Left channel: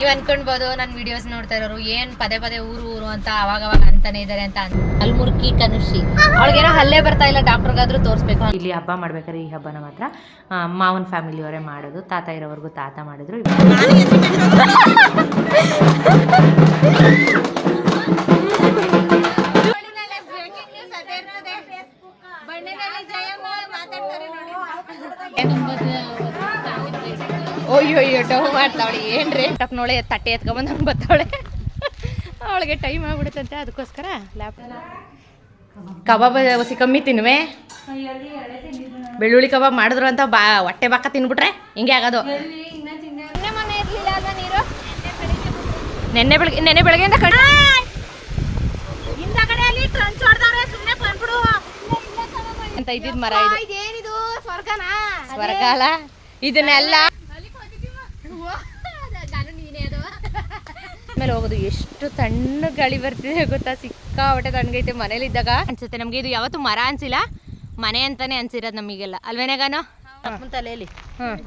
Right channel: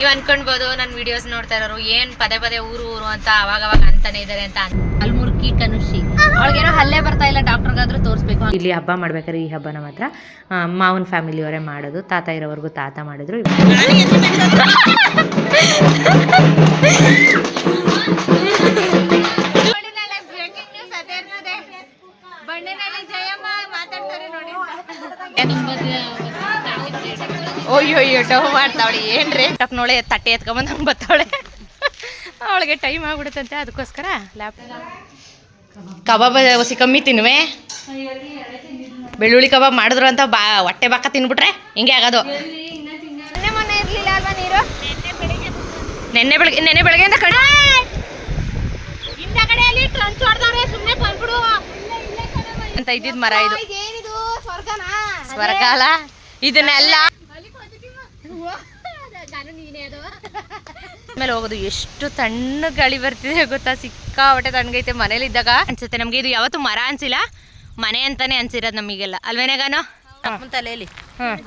ನೀವು ಅನ್ಕೊಂಡ್ಬೋದು ನನ್ನ ವಿಡಿಯೋಸ್ ನೋಡ್ತಾ ಇರೋರು ಏನ್ ಪದೇ ಪದೇ ಊರು ಊರು ಅಂತ ಅವಾಗ ಅವಾಗ ಅಂತಾನೆ ಇದಾರೆ ಅಂತ ಅಲ್ಮುರ್ಕಿ ಕನುಷಿ. ಅವ್ಳಿಗೇನೋ ಅಲ್ಲೇ ಬರ್ತಾ ಇಲ್ಲ ಡಾಕ್ಟರ್ಗಾದ್ರೂ ತೋರಿಸ್ಬೇಕು ಇಲ್ಲಿ ಹಬ್ಬ ಮಾಡ್ಬೇಕಾದ್ರೆ ಈ ಹಬ್ಬನ ಮಾತ್ರ. ಆ, ಫ್ಯಾಮಿಲಿ ಅವರೇ ಮಾಡೋದು ತಾತ ಇರೋವರೆಗೂ ತಾತ ಮಾಡಿದ್ರು. ಅಯ್ಯೋ ಅಯ್ಯೋ ಟವ್ ಮಾಡ್ತಾವಳಿ ಏನ್ರಿ? ಟಕ್ ನೋಳೆ ತಟ್ಟೆ ಎತ್ಕೊಂಬಂದು ಹಂಗೆ ಬರ್ತಾವಳೆ ಅವಳಿಗೆ ಟೈಮ್ ಆಗ್ಬಿಡುತ್ತಂತೆ ಅದಕ್ಕೋಸ್ಕರ ಲ್ಯಾಪ್ ಕಬಾಬ್ ಹೊಸಿ ಕಮ್ಮಿ ತಿನ್ವೆ ಬೆಳ್ಳುಳ್ಳಿ ಕಬಾಬ್ ಮಾಡಿದ್ರು ಅಂತ ಬಾ ಹೊಟ್ಟೆ ಬಾಕ ತಿನ್ಬಿಟ್ರೆ ಹಿಂಗೆ ಆಗೋದು. ನೆನ್ನೆ ಬೆಳಗ್ಗೆ ನೆನ್ನೆ ಬೆಳಗ್ಗೆಯಿಂದ ಕಡೆ ಅಂತ ಇದ್ದಿದ್ ಮರ ಇದು. ಸ್ವರ್ಗ ಅಲ್ಲ? ಇದನ್ನೆಲ್ಲ ಆಮೇಲೆ ಹೋಗೋದು. ಎಷ್ಟು ತಣ್ಣ ಗಾಳಿ ಬರ್ತಿದೆ ಗೊತ್ತಾ? ಸಿಕ್ಕಾಪಟ್ಟೆ ತಣ್ಣಗೈತೆ ಮನೇಲಿ ಇದ್ದಾಗ ಅನ್ಸುತ್ತೆ ನಮ್ಗೆ ಇದು ಯಾವತ್ತು ಮರ ಅನ್ಸಿಲ್ಲ. ಮನೆ ಅಂತಾನೆ ಅನ್ಸಿರೋದು ನಮಗೆಲ್ಲ. ಅಲ್ವೇನಾಗಾನು ಅಪ್ಪನ ತಲೆಯಲ್ಲಿ.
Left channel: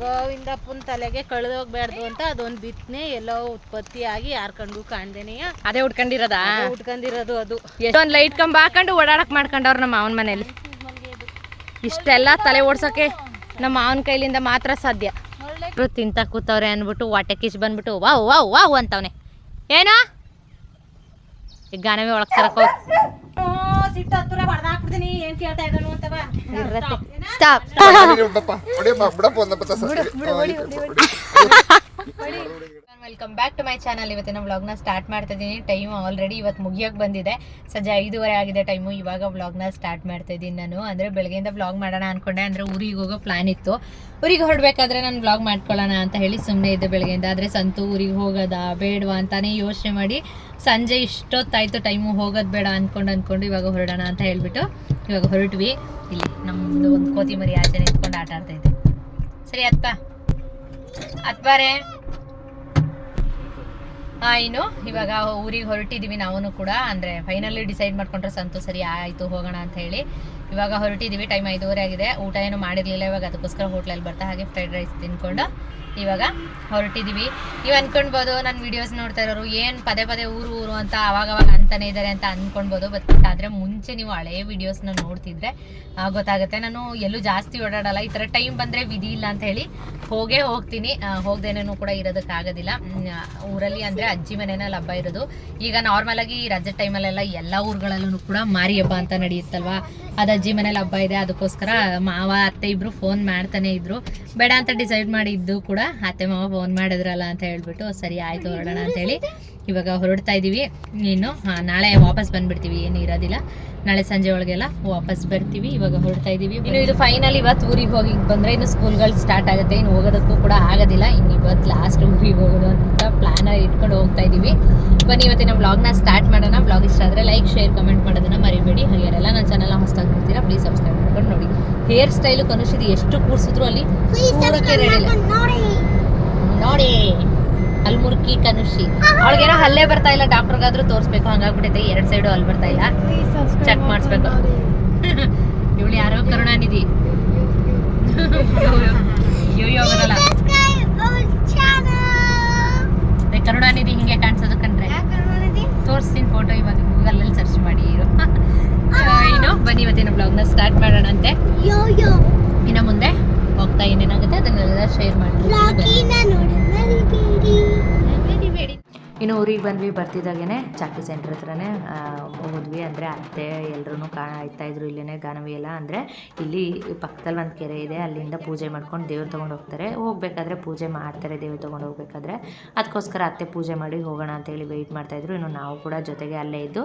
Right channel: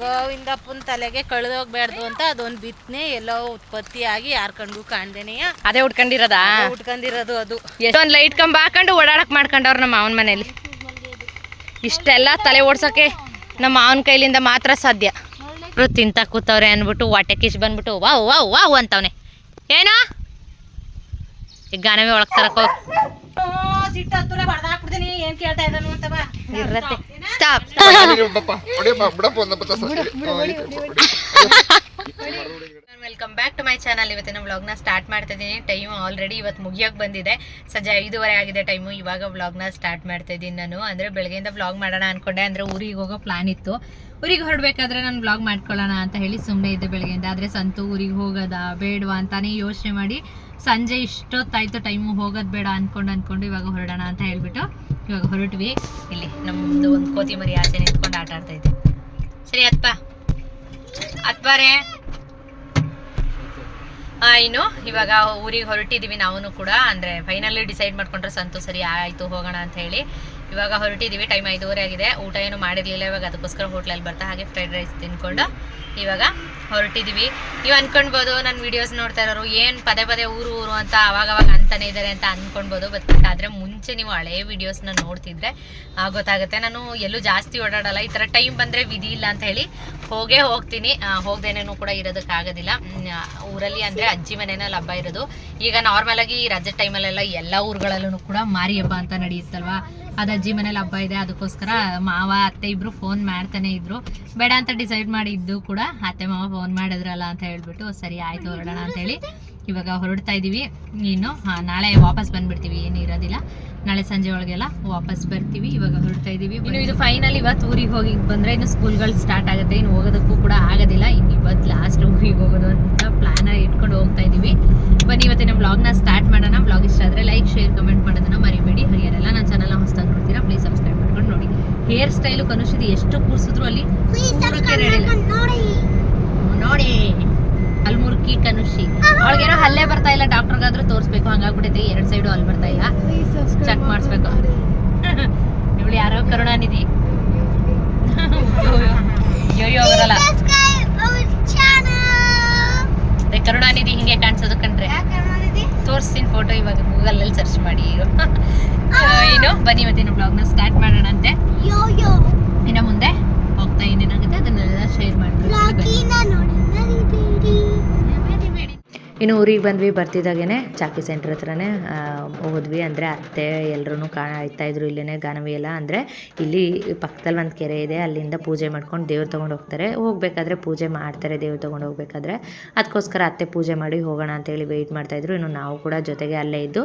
ಗೋವಿಂದಪ್ಪನ ತಲೆಗೆ ಕಳೆದೋಗ್ಬಾರ್ದು ಅಂತ ಅದೊಂದು ಬಿತ್ತನೆ ಎಲ್ಲೋ ಉತ್ಪತ್ತಿ ಆಗಿ ಯಾರ್ ಕಂಡು ಕಾಣ್ದೇನೆ. ಅದೇ ಉಟ್ಕೊಂಡಿರೋದಾ? ಉಟ್ಕೊಂಡಿರೋದು ಅದು. ಎಷ್ಟೊಂದು ಲೈಟ್ ಕಂಬ ಹಾಕೊಂಡು ಓಡಾಡಕ್ ಮಾಡ್ಕೊಂಡವ್ರು ನಮ್ಮ ಮಾವನ ಮನೇಲಿ. ಇಷ್ಟೆಲ್ಲ ತಲೆ ಓಡ್ಸೋಕೆ ನಮ್ಮ ಮಾವನ ಕೈಲಿಂದ ಮಾತ್ರ ಸಾಧ್ಯ. ತಿಂತ ಕೂತವ್ರೆ ಅಂದ್ಬಿಟ್ಟು ವಾಟೆ ಕಿಶ್ ಬಂದ್ಬಿಟ್ಟು ವಾವ್ ವಾವ್ ವಾವ್ ಅಂತವ್ನೆ. ಏನೋ? ಈಗ ಗಾನವೇ ಒಳಗ್ ತರಕ್. ಇರತ್ತೆ. Stop welcome back to my channel ಇವತ್ತಿನ ವ್ಲಾಗ್ನ ಸ್ಟಾರ್ಟ್ ಮಾಡ್ತಾ ಇದ್ದೀನಿ. ಟೈಮ್ ಆಲ್ರೆಡಿ ಇವತ್ತು ಮುಗಿಯೋಕೆ ಬಂದಿದೆ. ಸಂಜೆ ಐದೂವರೆ ಆಗಿದೆ ಟೈಮು ಇವಾಗ ವ್ಲಾಗ್ನ ಸ್ಟಾರ್ಟ್ ಮಾಡ್ತಾ ಇದ್ದೀನಿ ನಾನು. ಅಂದರೆ ಬೆಳಗ್ಗೆಯಿಂದ ವ್ಲಾಗ್ ಮಾಡೋಣ ಅಂದ್ಕೊಂಡೆ ಅಂದರೆ ಊರಿಗೆ ಹೋಗೋ ಪ್ಲಾನ್ ಇತ್ತು. ಊರಿಗೆ ಹೊರಡ್ಬೇಕಾದ್ರೆ ನಾನು ವ್ಲಾಗ್ ಮಾಡ್ಕೊಳ್ಳೋಣ ಅಂತ ಹೇಳಿ ಸುಮ್ಮನೆ ಇದ್ದೆ ಬೆಳಗ್ಗೆಯಿಂದ. ಆದರೆ ಸಂತು ಊರಿಗೆ ಹೋಗೋದಾ ಬೇಡವಾ ಅಂತಾನೆ ಯೋಚನೆ ಮಾಡಿ ಸಂಜೆ ಇಷ್ಟೊತ್ತಾಯಿತು ಟೈಮು ಹೋಗೋದು ಬೇಡ ಅಂದ್ಕೊಂಡು ಅಂದ್ಕೊಂಡು ಇವಾಗ ಹೊರಡೋಣ ಅಂತ ಹೇಳ್ಬಿಟ್ಟು ಇವಾಗ ಹೊರಟ್ವಿ. ಇಲ್ಲಿ ನಮ್ಮದು ಒಂದು ಕೋತಿ ಮರಿ ಆಚೆ ನಿಂತ್ಕೊಂಡು ಆಟ ಆಡ್ತಾ ಸರಿ ಅತ್ಪ ಅತ್ಬಾರೆ ಆ, ಇನ್ನು ಇವಾಗ ಊರಿಗೆ ಹೊರಟಿದ್ದೀವಿ ನಾವು ಕೂಡ. ಅಂದರೆ ಫೈನಲಿ ಡಿಸೈಡ್ ಮಾಡ್ಕೊಂಡ್ರೆ ಸಂತು ಸರಿ ಆಯಿತು ಹೋಗೋಣ ಅಂತ ಹೇಳಿ. ಇವಾಗ ಹೊರಟಿದ್ದೀವಿ ಟೈಮ್ ಐದೂವರೆ ಆಗಿದೆ. ಊಟ ಏನು ಮಾಡಿರಲಿಲ್ಲ, ಇವಾಗ ಅದಕ್ಕೋಸ್ಕರ ಹೋಟ್ಲಲ್ಲಿ ಬರ್ತಾ, ಹಾಗೆ ಫ್ರೈಡ್ ರೈಸ್ ತಿನ್ಕೊಂಡು ಇವಾಗ ಹೊರಟಿದ್ದೀವಿ ನೀವು ಅಂದ್ಕೊಳ್ಬೋದು ನನ್ನ ವಿಡಿಯೋಸ್ ನೋಡ್ತಾ ಇರೋರು ಏನು ಪದೇ ಪದೇ ಊರು ಊರು ಅಂತ ಅವಾಗ ಅವಾಗ ಅಂತಾನೆ ಇದ್ದಾರೆ ಅಂತ ಅಂದ್ಕೊಳ್ಬೋದು ಬಟ್ ಆದರೆ ಮುಂಚೆ ನೀವು ಹಳೆ ವೀಡಿಯೋಸ್ನ ನೋಡ್ತಿದ್ರೆ ಗೊತ್ತಾಗುತ್ತೆ. ನಾನು ಎಲ್ಲೂ ಜಾಸ್ತಿ ಓಡಾಡಲ್ಲ. ಈ ಥರ ಟೈಮ್ ಬಂದರೆ ವಿಧಿ ಇಲ್ಲ ಅಂತ ಹೇಳಿ ಹೋಗೇ ಹೋಗ್ತೀನಿ. ಹೋಗ್ದೇನೇನು ಕೂಡ ಇರೋದಕ್ಕಾಗೋದಿಲ್ಲ. ಊರಲ್ಲಿ ಅಂದರೆ ಅಜ್ಜಿ ಮನೆಯಲ್ಲಿ ಹಬ್ಬ ಇರೋದು. ಈಗ ನಾರ್ಮಲಾಗಿ ರಜೆ ಟೈಮಲ್ಲೆಲ್ಲ ಎಲ್ಲ ಊರುಗಳಲ್ಲೂ ಕೂಡ ಮಾರಿ ಹಬ್ಬ ಅಂತ ನಡೆಯುತ್ತಲ್ವಾ? ಅದು ಅಜ್ಜಿ ಮನೇಲಿ ಹಬ್ಬ ಇದೆ, ಅದಕ್ಕೋಸ್ಕರ ಮಾವ, ಅತ್ತೆ ಇಬ್ರು ಫೋನ್ ಮಾಡ್ತಾನೆ ಇದ್ರು. ಬೇಡ ಅಂತ ಡಿಸೈಡ್ ಮಾಡಿದ್ದು ಕೂಡ ಅತ್ತೆ ಮಾವ ಫೋನ್ ಮಾಡಿದ್ರಲ್ಲ ಅಂತ ಹೇಳ್ಬಿಟ್ಟು ಸರಿ ಆಯ್ತು ಹೊರಡೋಣ ಅಂತ ಹೇಳಿ ಇವಾಗ ಹೊರಡ್ತಾ ಇದೀವಿ. ನೀನು ನಾಳೆ ವಾಪಸ್ ಬಂದ್ಬಿಡ್ತೀವಿ, ಏನು ಇರೋದಿಲ್ಲ. ನಾಳೆ ಸಂಜೆ ಒಳಗೆಲ್ಲ ವಾಪಸ್ ಬರ್ತೀವಿ, ಇವಾಗ ಹೊರಡ್ತಾ ಇದೀವಿ. ಇನ್ನು ಇದು ಫೈನಲ್ ಇವತ್ತು ಊರಿಗೆ ಹೋಗಿ ಬಂದ್ರೆ ಇನ್ನು ಸ್ಕೂಲ್ಗಳು ಸ್ಟಾರ್ಟ್ ಆಗುತ್ತೆ, ಇನ್ನು ಹೋಗೋದಕ್ಕೂ ಕೂಡ ಆಗೋದಿಲ್ಲ. ಇನ್ನು ಇವತ್ತು ಲಾಸ್ಟ್ ಊರಿಗೆ ಹೋಗೋದು ಅಂತ ಪ್ಲಾನ್ ಇಟ್ಕೊಂಡು ಹೋಗ್ತಾ ಇದೀವಿ. ಬನ್ನಿ, ಇವತ್ತಿನ ವ್ಲಾಗ್ನ ಸ್ಟಾರ್ಟ್ ಮಾಡೋಣ. ಬ್ಲಾಗ್ ಇಷ್ಟ ಆದರೆ ಲೈಕ್ ಶೇರ್ ಕಮೆಂಟ್ ಮಾಡೋದನ್ನ ಮರಿಬೇಡಿ. ಹಾಗೆ ನನ್ನ ಚಾನಲ್ ಹೊಸದಾಗಿ ನೋಡ್ತೀರಾ ಪ್ಲೀಸ್ ಸಬ್ಸ್ಕ್ರೈಬ್ ಮಾಡ್ಕೊಂಡು ನೋಡಿ. ಹೇರ್ ಸ್ಟೈಲು ಕನುಷಿದು ಎಷ್ಟು ಕೂರಿಸಿದ್ರು ಅಲ್ಲಿ. ನೋಡಿ. ಅಲ್ಮುರ್ಕಿ ಕನುಷಿ ಅವಳಿಗೇನೋ ಹಲ್ಲೆ ಬರ್ತಾ ಇಲ್ಲ ಡಾಕ್ಟರ್ಗಾದ್ರೂ ತೋರಿಸ್ಬೇಕು ಹಂಗಾಗ್ಬಿಟ್ಟೈತೆ ಎರಡು ಸೈಡು ಅಲ್ಲಿ ಬರ್ತಾ ಇಲ್ಲ. ಚೆಕ್ ಮಾಡಿಸ್ಬೇಕು. ಇವಳು ಯಾರೋ ಕರುಣಾನಿಧಿ ಅಯ್ಯೋ ಬರಲ್ಲ ಅದೇ ಕರುಣಾನಿಧಿ ಹಿಂಗೆ ಕಾಣಿಸೋದು ಕಂಡ್ರೆ ತೋರಿಸ್ತೀನಿ ಫೋಟೋ ಇವಾಗ ಗೂಗಲಲ್ಲಿ ಸರ್ಚ್ ಮಾಡಿ ಏನು ಬನ್ನಿ ಇವತ್ತಿನ ಬ್ಲಾಗ್ನ ಸ್ಟಾರ್ಟ್ ಮಾಡೋಣ ಅಂತೆ ಇನ್ನು ಮುಂದೆ ಹೋಗ್ತಾ ಏನೇನಾಗುತ್ತೆ ಅದನ್ನೆಲ್ಲ ಶೇರ್ ಮಾಡಿ ಬಂದ್ವಿ ಬರ್ತಿದ್ದಾಗೇ ಚಾಕಿ ಸೆಂಟ್ರ್ ಹತ್ರನೇ ಹೋದ್ವಿ. ಅಂದರೆ ಅತ್ತೆ ಎಲ್ಲರೂ ಕಾಣ್ತಾ ಇದ್ರು ಇಲ್ಲೇ ಗಾನವಿ ಎಲ್ಲ. ಅಂದರೆ ಇಲ್ಲಿ ಪಕ್ಕದಲ್ಲಿ ಒಂದು ಕೆರೆ ಇದೆ, ಅಲ್ಲಿಂದ ಪೂಜೆ ಮಾಡ್ಕೊಂಡು ದೇವ್ರು ತೊಗೊಂಡು ಹೋಗ್ತಾರೆ. ಹೋಗಬೇಕಾದ್ರೆ ಪೂಜೆ ಮಾಡ್ತಾರೆ ದೇವ್ರು ತೊಗೊಂಡು ಹೋಗ್ಬೇಕಾದ್ರೆ. ಅದಕ್ಕೋಸ್ಕರ ಅತ್ತೆ ಪೂಜೆ ಮಾಡಿ ಹೋಗೋಣ ಅಂತೇಳಿ ವೆಯ್ಟ್ ಮಾಡ್ತಾಯಿದ್ರು ಇನ್ನು ನಾವು ಕೂಡ ಜೊತೆಗೆ ಅಲ್ಲೇ ಇದ್ದು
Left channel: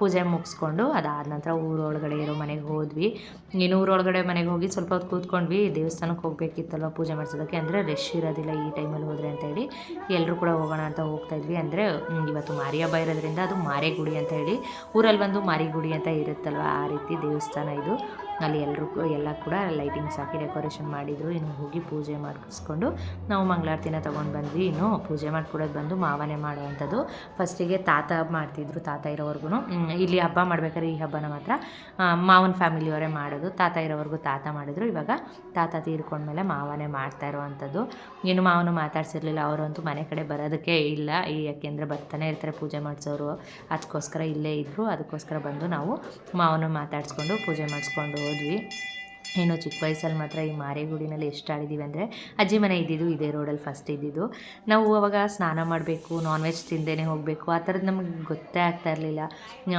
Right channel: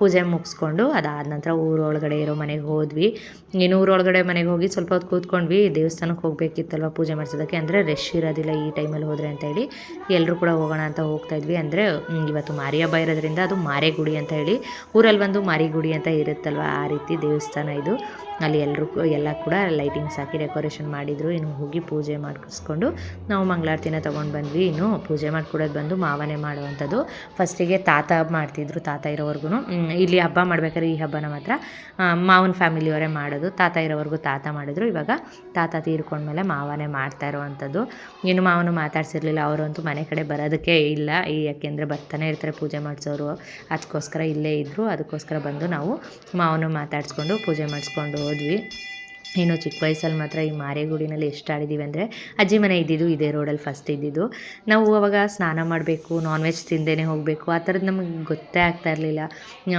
ಪೂಜೆ ಮುಗಿಸ್ಕೊಂಡು ಅದಾದ ನಂತರ ಊರೊಳಗಡೆ ಇರೋ ಮನೆಗೆ ಹೋದ್ವಿ. ಇನ್ನು ಊರೊಳಗಡೆ ಮನೆಗೆ ಹೋಗಿ ಸ್ವಲ್ಪ ಹೊತ್ತು ಕೂತ್ಕೊಂಡ್ವಿ. ದೇವಸ್ಥಾನಕ್ಕೆ ಹೋಗಬೇಕಿತ್ತಲ್ವ ಪೂಜೆ ಮಾಡಿಸೋದಕ್ಕೆ? ಅಂದರೆ ರಶ್ ಇರೋದಿಲ್ಲ ಈ ಟೈಮಲ್ಲಿ ಹೋದರೆ ಅಂತೇಳಿ ಎಲ್ಲರೂ ಕೂಡ ಹೋಗೋಣ ಅಂತ ಹೋಗ್ತಾಯಿದ್ವಿ ಅಂದರೆ ಇವತ್ತು ಮಾರಿ ಹಬ್ಬ ಇರೋದ್ರಿಂದ ಅದು ಮಾರೇಗುಡಿ ಅಂತ ಹೇಳಿ ಊರಲ್ಲಿ ಒಂದು ಮಾರಿಗುಡಿ ಅಂತ ಇರುತ್ತಲ್ವ? ಆ ರೀತಿ ದೇವಸ್ಥಾನ ಇದು. ಅಲ್ಲಿ ಎಲ್ಲರೂ ಎಲ್ಲ ಕೂಡ ಲೈಟಿಂಗ್ಸ್ ಹಾಕಿ ಡೆಕೋರೇಷನ್ ಮಾಡಿದರು. ಇನ್ನು ಹೋಗಿ ಪೂಜೆ ಮಾಡಿಸ್ಕೊಂಡು ನಾವು ಮಂಗಳಾರತಿನ ತೊಗೊಂಡು ಬಂದ್ವಿ. ಇನ್ನು ಪೂಜೆ ಮಾಡ್ಕೊಡೋದು ಬಂದು ಮಾವನೇ ಮಾಡುವಂಥದ್ದು. ಫಸ್ಟಿಗೆ ತಾತ ಮಾಡ್ತಿದ್ರು, ತಾತ ಇರೋವರೆಗೂ ಇಲ್ಲಿ ಹಬ್ಬ ಮಾಡ್ಬೇಕಾದ್ರೆ ಈ ಹಬ್ಬನ ಮಾತ್ರ ಮಾವನ ಫ್ಯಾಮಿಲಿಯವರೇ ಮಾಡೋದು. ತಾತ ಇರೋವರೆಗೂ ತಾತ ಮಾಡಿದ್ರು. ಇವಾಗ ತಾತ ತೀರ್ಕೊಂಡ್ಮೇಲೆ ಮಾವನೇ ಮಾಡ್ತಾ ಇರುವಂಥದ್ದು. ಇನ್ನು ಮಾವನು ಮಾತಾಡ್ಸಿರ್ಲಿಲ್ಲ. ಅವರಂತೂ ಮನೆ ಕಡೆ ಬರೋದಕ್ಕೆ ಇಲ್ಲ. ಈ ಯಾಕೆಂದರೆ ಬರ್ತಾನೆ ಇರ್ತಾರೆ ಪೂಜೆ ಮಾಡಿಸೋರು. ಅದಕ್ಕೋಸ್ಕರ ಇಲ್ಲೇ ಇದ್ದರು ಅದಕ್ಕೋಸ್ಕರ ಬಂದು ನಾವು ಮಾವನು ಮಾತಾಡಿಸ್ಕೊಂಡು ಪೂಜೆ ಮಾಡಿಸ್ಕೊಂಡು ಹೋದ್ವಿ ಇನ್ನು ಚಿಕ್ಕ ವಯಸ್ಸಲ್ಲಿ ಮಾತ್ರ ಈ ಮಾರೇಗುಡಿನಲ್ಲಿ ಎಷ್ಟು ಆಡಿದ್ದೀವಿ ಅಂದರೆ ಅಜ್ಜಿ ಮನೆ ಇದ್ದಿದ್ದು ಇದೇ ರೋಡಲ್ಲಿ ಫಸ್ಟ್ ಇದ್ದಿದ್ದು. ನಾವು ಅವಾಗ ಸ್ನಾನ ಮಾಡಬೇಕು ನಾನ್ ವೆಜ್ ತಿಂದೇ ಹೋಗಬೇಕು. ಆ ಥರದ್ದು ನಮಗೆ ಗೊತ್ತೇ ಆಗ್ತಾ ಇರಲಿಲ್ಲ.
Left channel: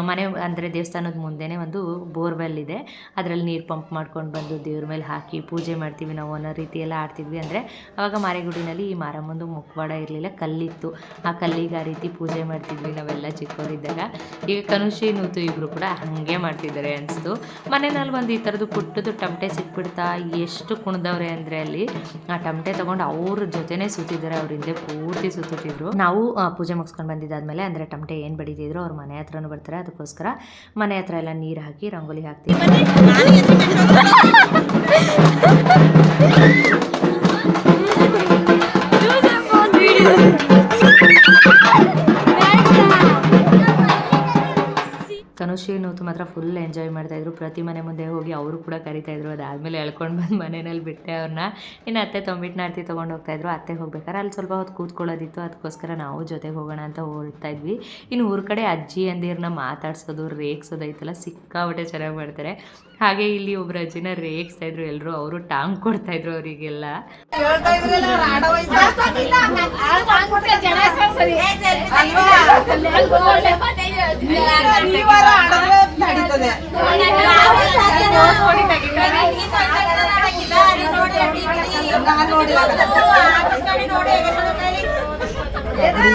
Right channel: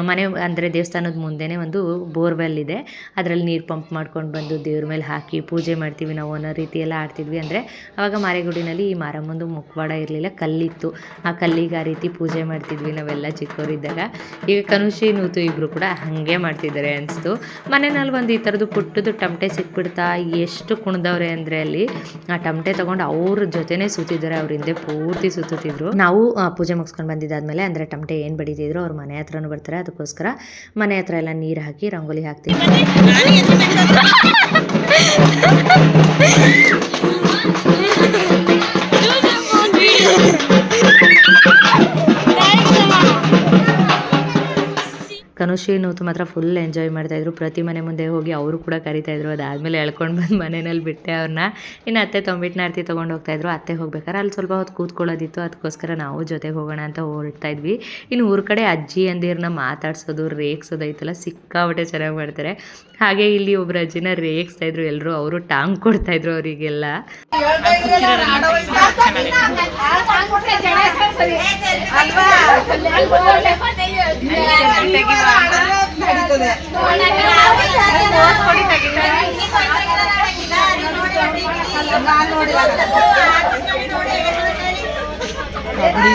ಮನೆ ಅಂದರೆ ದೇವಸ್ಥಾನದ ಮುಂದೆನೇ ಒಂದು ಬೋರ್ವೆಲ್ ಇದೆ. ಅದರಲ್ಲಿ ನೀರು ಪಂಪ್ ಮಾಡ್ಕೊಂಡು ಬಂದು ದೇವ್ರ ಮೇಲೆ ಹಾಕಿ ಪೂಜೆ ಮಾಡ್ತೀವಿ ನಾವು ಅನ್ನೋ ರೀತಿ ಎಲ್ಲ ಆಡ್ತಿದ್ವಿ ಅಂದರೆ ಅವಾಗ ಮಾರೇಗುಡಿನಲ್ಲಿ ಈ ಮಾರಮ್ಮಂದು ಮುಖವಾಡ ಇರಲಿಲ್ಲ, ಕಲ್ಲಿತ್ತು. ಆ ಕಲ್ಲಿಗೆ ಆ ರೀತಿ ಪೂಜೆ ಮಾಡ್ತಿದ್ವಿ ನಾವೆಲ್ಲ ಚಿಕ್ಕವರಿದ್ದಾಗ. ಈಗ ಕನುಷಿ, ನೂತು ಇಬ್ಬರು ಕೂಡ ಹಾಗೆ ಮಾಡ್ತಿದ್ದಾರೆ ಅನಿಸ್ತು. ಮನೆಯಲ್ಲಿ ಒಂದು ಈ ಥರದ್ದು ಪುಟ್ಟದು ಟಮಟೆ ಸಿಕ್ಬಿಡ್ತಾ ಎಷ್ಟು ಕುಣ್ದವ್ರೆ ಅಂದರೆ ಅಲ್ಲಿ, ಆ ಟಮಟೆ ತೊಗೊಂಡು ಅವ್ರ ಜೊತೆನೇ ಸುತ್ತಿದ್ದಾರೆ ಅವ್ರ ಹಿಂದೆ ಪೂರ್ತಿ ಸುತ್ತಿದ್ರು ನಾವು ಪೂಜೆ ಮುಗಿಸ್ಕೊಂಡು ಬಂದಿದ್ದಾದ್ಮೇಲೆ ಅಂದರೆ ಟಮಟೆ ಏನು ಬಡಿತಿದ್ರು ಅವ್ರ ಮನೆ ಹತ್ರನೂ ಬರ್ತಾರೆ. ಅದಕ್ಕೋಸ್ಕರ ಮನೆ ಹತ್ರ ಎಲ್ಲ ನೀರು ಹಾಕಿ, ರಂಗೋಲಿ ಹಾಕ್ತಿದ್ರು ನೂತು ಮಾತ್ರ ಫುಲ್ ಎಂಜಾಯ್ ಮಾಡ್ತಾಯಿದ್ರು ಪ್ರತಿ ಮನೆ ಮುಂದೆ ಹೋಗಿ ಅವರು ಕೂಡ ಕರಿತಾಯಿದ್ರು ಅದಾದಮೇಲೆ ಎಳ್ಕೊಂಡು ಬಂದು ಮನೆಯಲ್ಲಿ ಬಿಟ್ಟೆ ಅವ್ರನ್ನ. ಇನ್ನು ಅತ್ತೆ ತೊಂಬಿಟ್ಟಿನ ನಾರ್ತಿ ತೊಗೊಂಡು ಹೋಗ್ತಾಯಿದ್ರು ಅತ್ತೆ ಹೋಗ್ಬೇಕಾದ್ರೆ ಅಲ್ಲಿ ಸ್ವಲ್ಪ ಹೊತ್ತು ಕೂತ್ಕೊಳ್ಳೋದಿತ್ತು. ಅದಕ್ಕೋಸ್ಕರ ನಾವು ಜೊತೆಗೆ ಹೋಗೋಣ ಅಂತ ಹೊರಡ್ತಾ ಇದ್ವಿ. ಇನ್ನು ಊರ ಕಡೆ ಅಜ್ಜಿ ಅಂದಿರನ್ನ ಮಾತಾಡ್ಸೋದು, ರೇಗ್ಸೋದು ಐತಲ್ಲ ಸಿಕ್ಕಾಬಟ್ಟೆ ಚೆನ್ನಾಗಿ ಮಾಡ್ತಾರೆ. ಹಾಗೆ ಇಲ್ಲಿ ಒಬ್ರು ಅಜ್ಜಿನ ರೇಗಿಸ್ತಾ ಇದ್ರು ಎಲ್ಲರೂ ಅವರು ಟಾಂಗ್ ಕೊಡ್ತಾ ಇದ್ರು ಅವರಿಗೆಲ್ಲ.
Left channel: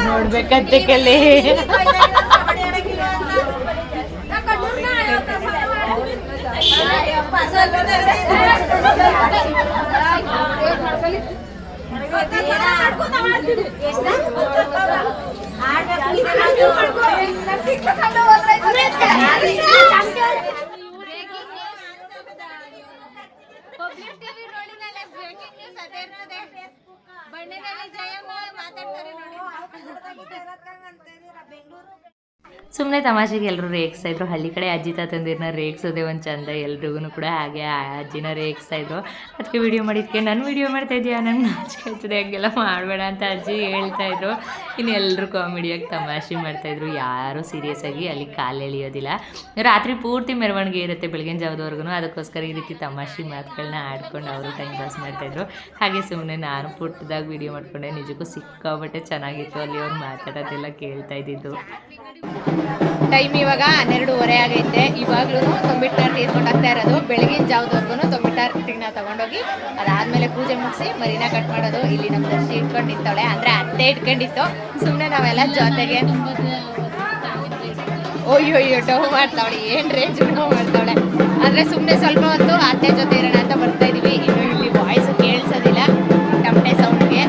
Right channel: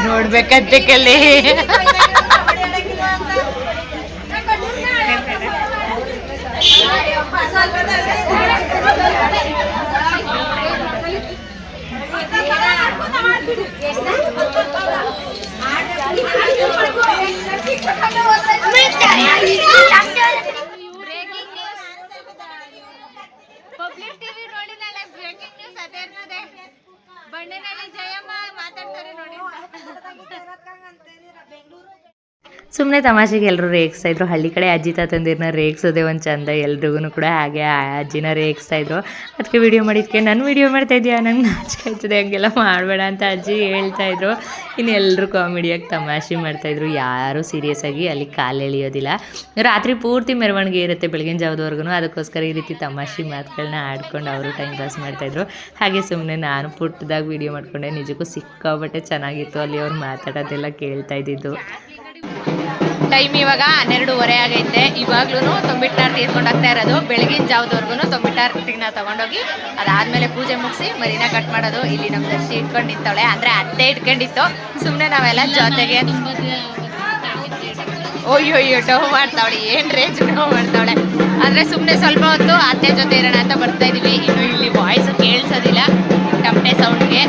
ನೋಡ್ಬೇಕಂತೆ ಕಲೆ ಬಂಡೆ ಜಯಮ್ಮ ಮಾತಾಡ್ತಾರೆ ನೋಡಿ ಬೆಂಗಳೂರು ಸುಮ್ಮನೆ ತಮಾಷೆಗೆ ಎಲ್ಲರೂ ರೇಗಿಸ್ತಾ ಇದ್ರು. ಹಳ್ಳಿ ಕಡೆ ಅಜ್ಜಿ ತಾತಂದಿರನ್ನ ರೇಗಿಸೋದೆ ಒಂದು ಚಂದ. ಎಲ್ರಿಗೂ ಕೂಡ ಹಾಗೆ ಆ ಅಜ್ಜಿನ ರೇಗಿಸ್ತಾ ಇದ್ರು. ಅದಕ್ಕೆ ವಿಡಿಯೋ ಮಾಡಿದ್ಕೆ, ನಾನು ವಿಡಿಯೋ ಮಾಡ್ತಾ ಇದೆಯಾ? ನಂಗೆ ನಾಚಿಕೆ ಆಯ್ತದೆ ಹಂಗೆಲ್ಲ ಮಾಡಬೇಡ ಅಂತ ಅಜ್ಜಿ ಹೇಳ್ತಾ ಇದ್ರು. ಇನ್ನು ಎಲ್ಲರೂ ಕಾಮಿಡಿಯಾಗಿ ತಮಾಷೆ ಮಾಡ್ತಾಯಿದ್ರು ಯಾರೂ ಸೀರಿಯಸ್ ಆಗಿ ಅಲ್ಲಿ ಕಾಲು ಎಳಿಯೋದಿಲ್ಲ. ರಾತ್ರಿ ಪೂರ್ತಿ ಮೆರವಣಿಗೆ ಇರುತ್ತೆ ಬೆಳಗಿನ ಜಾವದವರೆಗೂ ಅದಕ್ಕೋಸ್ಕರ ಈ ರೀತಿ ತಮಾಷೆ ಮಾತುಗಳನ್ನ ಆಡ್ಕೊಂಡು ಅವರು ಟೈಮ್ ಪಾಸ್ ಮಾಡ್ತಾಯಿದ್ರು ಹಾಗೆ ಸುಮ್ಮನೆ ನಾನು ಪುಟ್ಟದಾಗ ವಿಡಿಯೋ ಮಾಡ್ಕೊಂಡೆ. ನಿಜಕ್ಕೂ ಸಿಕ್ಕಾಬಟ್ಟೆ ಚೆನ್ನಾಗಿತ್ತು. ಅಲ್ಲಿ ಅವ್ರು ಮಾತಾಡೋದೆಲ್ಲ ಕೇಳ್ತಾ ಇದ್ದಿದ್ದು. ಟೈಮ್ ಇವಾಗ ಹನ್ನೆರಡೂವರೆ ಆಗೈತೆ. ಇವಾಗ್ಲೂ ತೊಂಬಿಟ್ನಾರು ತೀರ್ಕೊಂಡು ಇರೋದು. ಬೆಳಗಿನ ಜಾವದವರೆಗೂ ತೊಂಬಿಟ್ಟಾರ್ತಿನ ತಗೊಂಡೋಗಿ ಅದಾದ್ಮೇಲೆ ಪೂಜೆ ಮುಗಿಸಿ ಮರಿನ ಕಟ್ ಮಾಡೋದು. ಇಲ್ಲಿ ನಮ್ಮ ದರ್ಶಿ ಇಟ್ಕೊಂಡು ನಿಂತವಳೆ. ಅಂದ್ರೆ ಅತ್ತೆ ಇಟ್ಕೊಂಡಿತ್ತು. ಸುಮ್ಮನೆ ನಾವೆಲ್ಲ ಜೊತೆಗೆ ಅಯ್ಯೋ ಅಯ್ಯೋ ಡವ್ ಮಾಡ್ತಾವಳೆ. ಏನ್ ರೇಂಜ್ ಡವ್ ಮಾಡ್ತಾವಳೆ. ಅಂದ್ರೆ ಸುಮ್ಮನೆ ಸ್ವಲ್ಪ ಹೊತ್ತು ಅತ್ತೆ ಜೊತೆ ಇರೋಣ ಅಂತ ಬರ್ತಾ ಇದೀವಿ. ಇನ್ನು ಇಲ್ಲಿ ವಾಯ್ಸ್ ಕೇಳಿಸೋದಿಲ್ಲ. ಟಮಟೆ ಸೌಂಡ್ಗೆ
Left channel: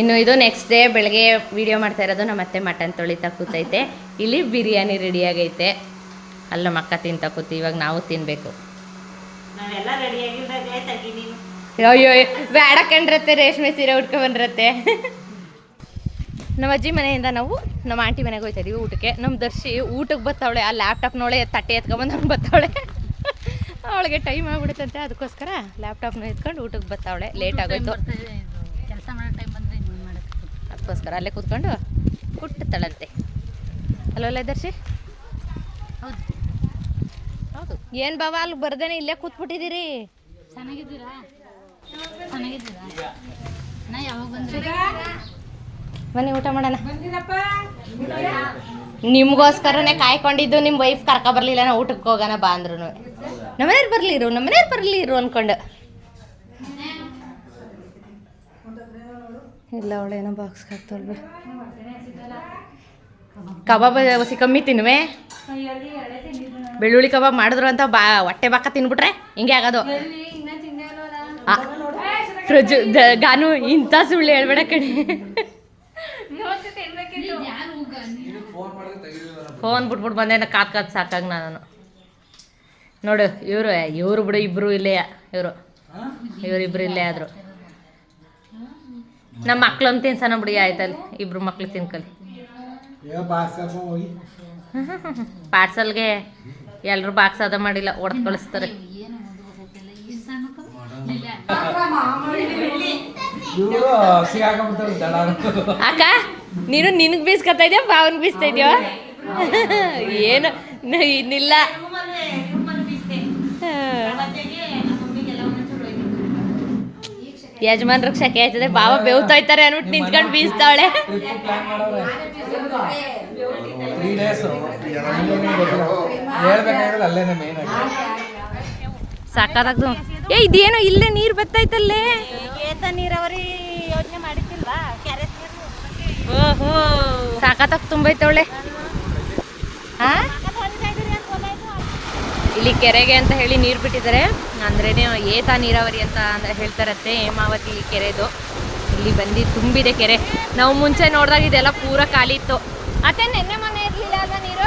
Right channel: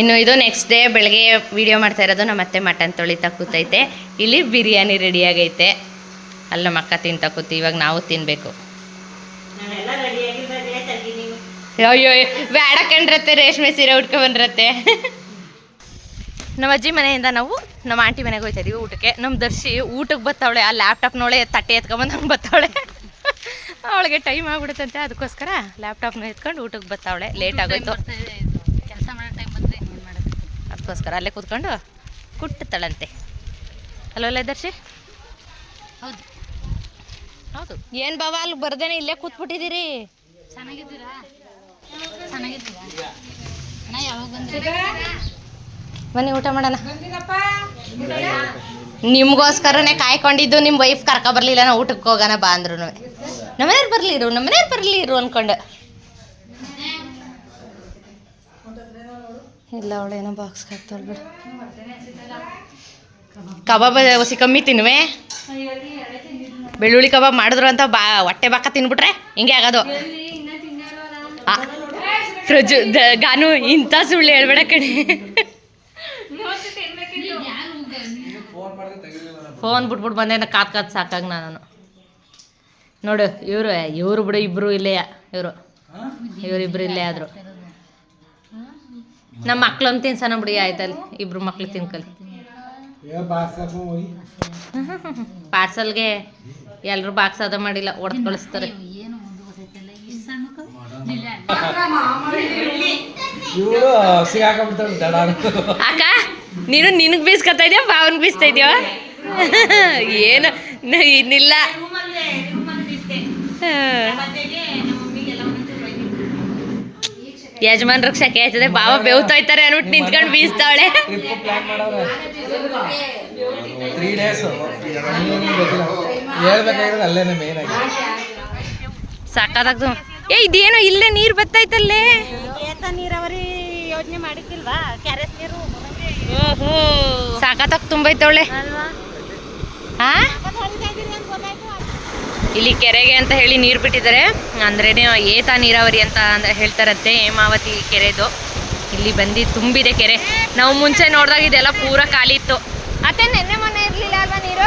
ಇನ್ನು ಇದು ನೆಕ್ಸ್ಟ್ ಡೇ ಬೆಳಗ್ಗೆ ವಿಡಿಯೋ ಮಾಡ್ತಾ ಇರೋದು ನಮ್ಮ ಅತ್ತೆ ಮಟನ್ ತೊಳಿತಾ ಕೂತೈತೆ ಇಲ್ಲಿ ಬಿರಿಯಾನಿ ರೆಡಿ ಆಗೈತೆ. ಅಲ್ಲ ಮಕ್ಕ ತಿಂತ ಕೂತಿ ಇವಾಗ ನಾವು ತಿನ್ಬೇಕು. ಅಯ್ಯೋ ಬೇಡ ಕಂಡ್ರತ್ತೆ ರೇಷ್ಮೆ ಸೀರೆ ಉಟ್ಕೊ ಬಂದ್ರತ್ತೆ. ನಮ್ಮ ಅಜ್ಜಿ ಮನೆಯಿಂದ ನಾವು ನಮ್ಮ ಆಂಟಿ ಮನೆಗೆ ಹೋಗ್ತಾ ಇದೀವಿ ಊಟಕ್ಕೆ. ನಮ್ಮ ದರ್ಶಿ ಊಟಕ್ಕೆ ಬತ್ತಾವಳೆ ಆ ಲ್ಯಾಪ್ಟಾಪ್ ನೋಳೆ ತಟ್ಟೆ ಎತ್ಕೊಂಬಂದು ಹಂಗೆ ಬತ್ತಾವಳೆ. ಅವಳಿಗೆ ಟೈಮ್ ಆಗ್ಬಿಡುತ್ತಂತೆ ಅದಕ್ಕೋಸ್ಕರ ಲ್ಯಾಪ್ಟಾಪ್ನ ಎತ್ಕೊಂಡು ಊಟಕ್ಕೆ ಬತ್ತಾವಳೆ. ಲೇಟ್ ಆಗೋಯ್ತು ಕೆಲಸ ಮಾಡೋ ಟೈಮ್ ಬಂದ್ರೆ ಇನ್ನೇನು ಮಾಡೋದು ಅದಕ್ಕೋಸ್ಕರ ಅಲ್ಲೇ ಕೂತ್ಕೊಂಡು ಕುಟ್ಟುತ್ತಾಳಂತೆ ಹಲೋ ದರ್ಶಿ ಹೌದು. ಹೌದು. ಏನು ಬಾವ ಅಲ್ಲಿ ಬರ್ದೇನೆ ಇಲ್ಲೇ ಕೂತ್ಬಿಟ್ಟಿದ್ದೀರಿ? ಚೆನ್ನಾಗಿದ್ದೀರಾ? ಬನ್ನಿ ಊಟ ಮಾಡೋಣ. ನಿಮ್ಗೋಸ್ಕರನೇ ಕಾಯ್ಕೊಂಡಿದ್ದು ನಿಮ್ಮ ವೈಫ್ ಕರ್ಕೊ ಬರ್ಲಿಲ್ಲ ನಾವು ಊಟಕ್ಕೆ ಹೋಗೋಣ ಬಾ ಅಂದ್ರೂ ನಮ್ಮನೇರು ಬರಲಿರು ಇರು ನಮ್ಮನೇರು ಬರಲಿ ಇರು ಅನ್ಕೊಂಡು. ಇಲ್ಲ ಏನೋ ಬಾಕ್ಸ್ ಹಾಕ್ತಾಳ ಬಿಡು. ಕಬಾಬ್ ಹೊಸಿ ಕಮ್ಮಿ ತಿನ್ವೆ ಬೆಳ್ಳುಳ್ಳಿ ಕಬಾಬ್ ಮಾಡಿದ್ರು ಅಂತ ಬಾ, ಹೊಟ್ಟೆ ಬಾಕ ತಿನ್ಬಿಟ್ರೆ ಹಿಂಗೆ ಆಗೋದು. ಪ್ರಜು ಗಾನು ಇಂಥ ಸುಳ್ಳು ಹೇಳ್ಬೇಡ ಕಣಿ. ಫೋನ್ ಬಿಟ್ಬಿಟ್ಟು ಬಂದೆ ನಾ ಕಾತ್ ಕಾತ್ ಸಾಕಾಗ ನಾನು. ನೋಡು, ಇವರು ಇವರು ಬಿಡು, ಇಬ್ರು ಇಲ್ಲೇ, ಇವರು. ಇವರಿಬ್ರು ಇಲ್ಲೇ ಆದ್ರು. ನಮ್ಮ ಮಕ್ಳನ್ನು ತಿನ್ಸನ ಬಿಡಿ ಆಯ್ತಲ್ಲಿ. ಇಬ್ರು ಮಕ್ಳು ತಿನ್ಕಲಿ. ಪಾರ್ಸಲ್ಗೆ ಎಲ್ಲರೂ ಬಾಕ್ಸ್ ಅದ ಮಾಡಿಲ್ಲ ಒಡೆದು ಕಳಿಸ್ತಾರೆ ಅಕ್ಕ ನೀನು ನಿನಗೆ ಬೀಸ್ಕೊತಾ ಇದೆಯಾ ಬಾವನ್ಗೆ ಬೀಸ್ತಾ ಇದೆಯಾ? ಏನು ಇನ್ನಿಲ್ಲ ಹಾ. ಯಜಮಾನ್ರಿಗೆ ಕೇಳ್ತದೆ ಆಯ್ತದೆ ಬಾವ ಬೇವ್ತಾ ಇರ್ತಾರೆ ಅನ್ಬಿಟ್ಟು ನಿಂತ್ಕೊಂಡು ಬೀಸ್ತಾವಳೆ. ಸಾಕಾದಾಗ್ದು. ಏ ಇದೇನೋ ಇಲ್ಲೇ ನೀರು ಬತ್ತೈತಲ್ಲೇ ನೀರಾವರಿ ಯೋಜನೆ ಮಾಡಿದ್ದಿಲ್ವಾ? ಕ್ಯಾರೆಟ್ ನೀರು? ಸಾಕಾತಾಗ ತುಂಬೈತವಳೆ ಹಾ ಇಲ್ಲಿ ಕೆರೆಗೆ ಅಂತ ಹೇಳಿ ನೀರು ಬಿಟ್ಟಿದ್ದಾರೆ. ಅಂದ್ರೇನೆ ಏತ ನೀರಾವರಿ ಅಂತ ಅಂದ್ರೆ ಹೇಳ್ತಾರಂತೆ ಹೇಮಾವತಿ ಕೆರೆದು. ಇಲ್ಲಿ ಬಂದು ತುಂಬಿದೆ ಕೆರೆ. ನಾವು ಮುಂಚೆ ನೋಡಿದಾಗ ಇದೆಲ್ಲ ಪೂರ ಖಾಲಿ ಇತ್ತು. ಅತ್ತೆ ನೆನ್ನೆ ಮೊನ್ನೆ ಇರಲಿಲ್ಲ ಅಲ್ವಾ ನೀರು?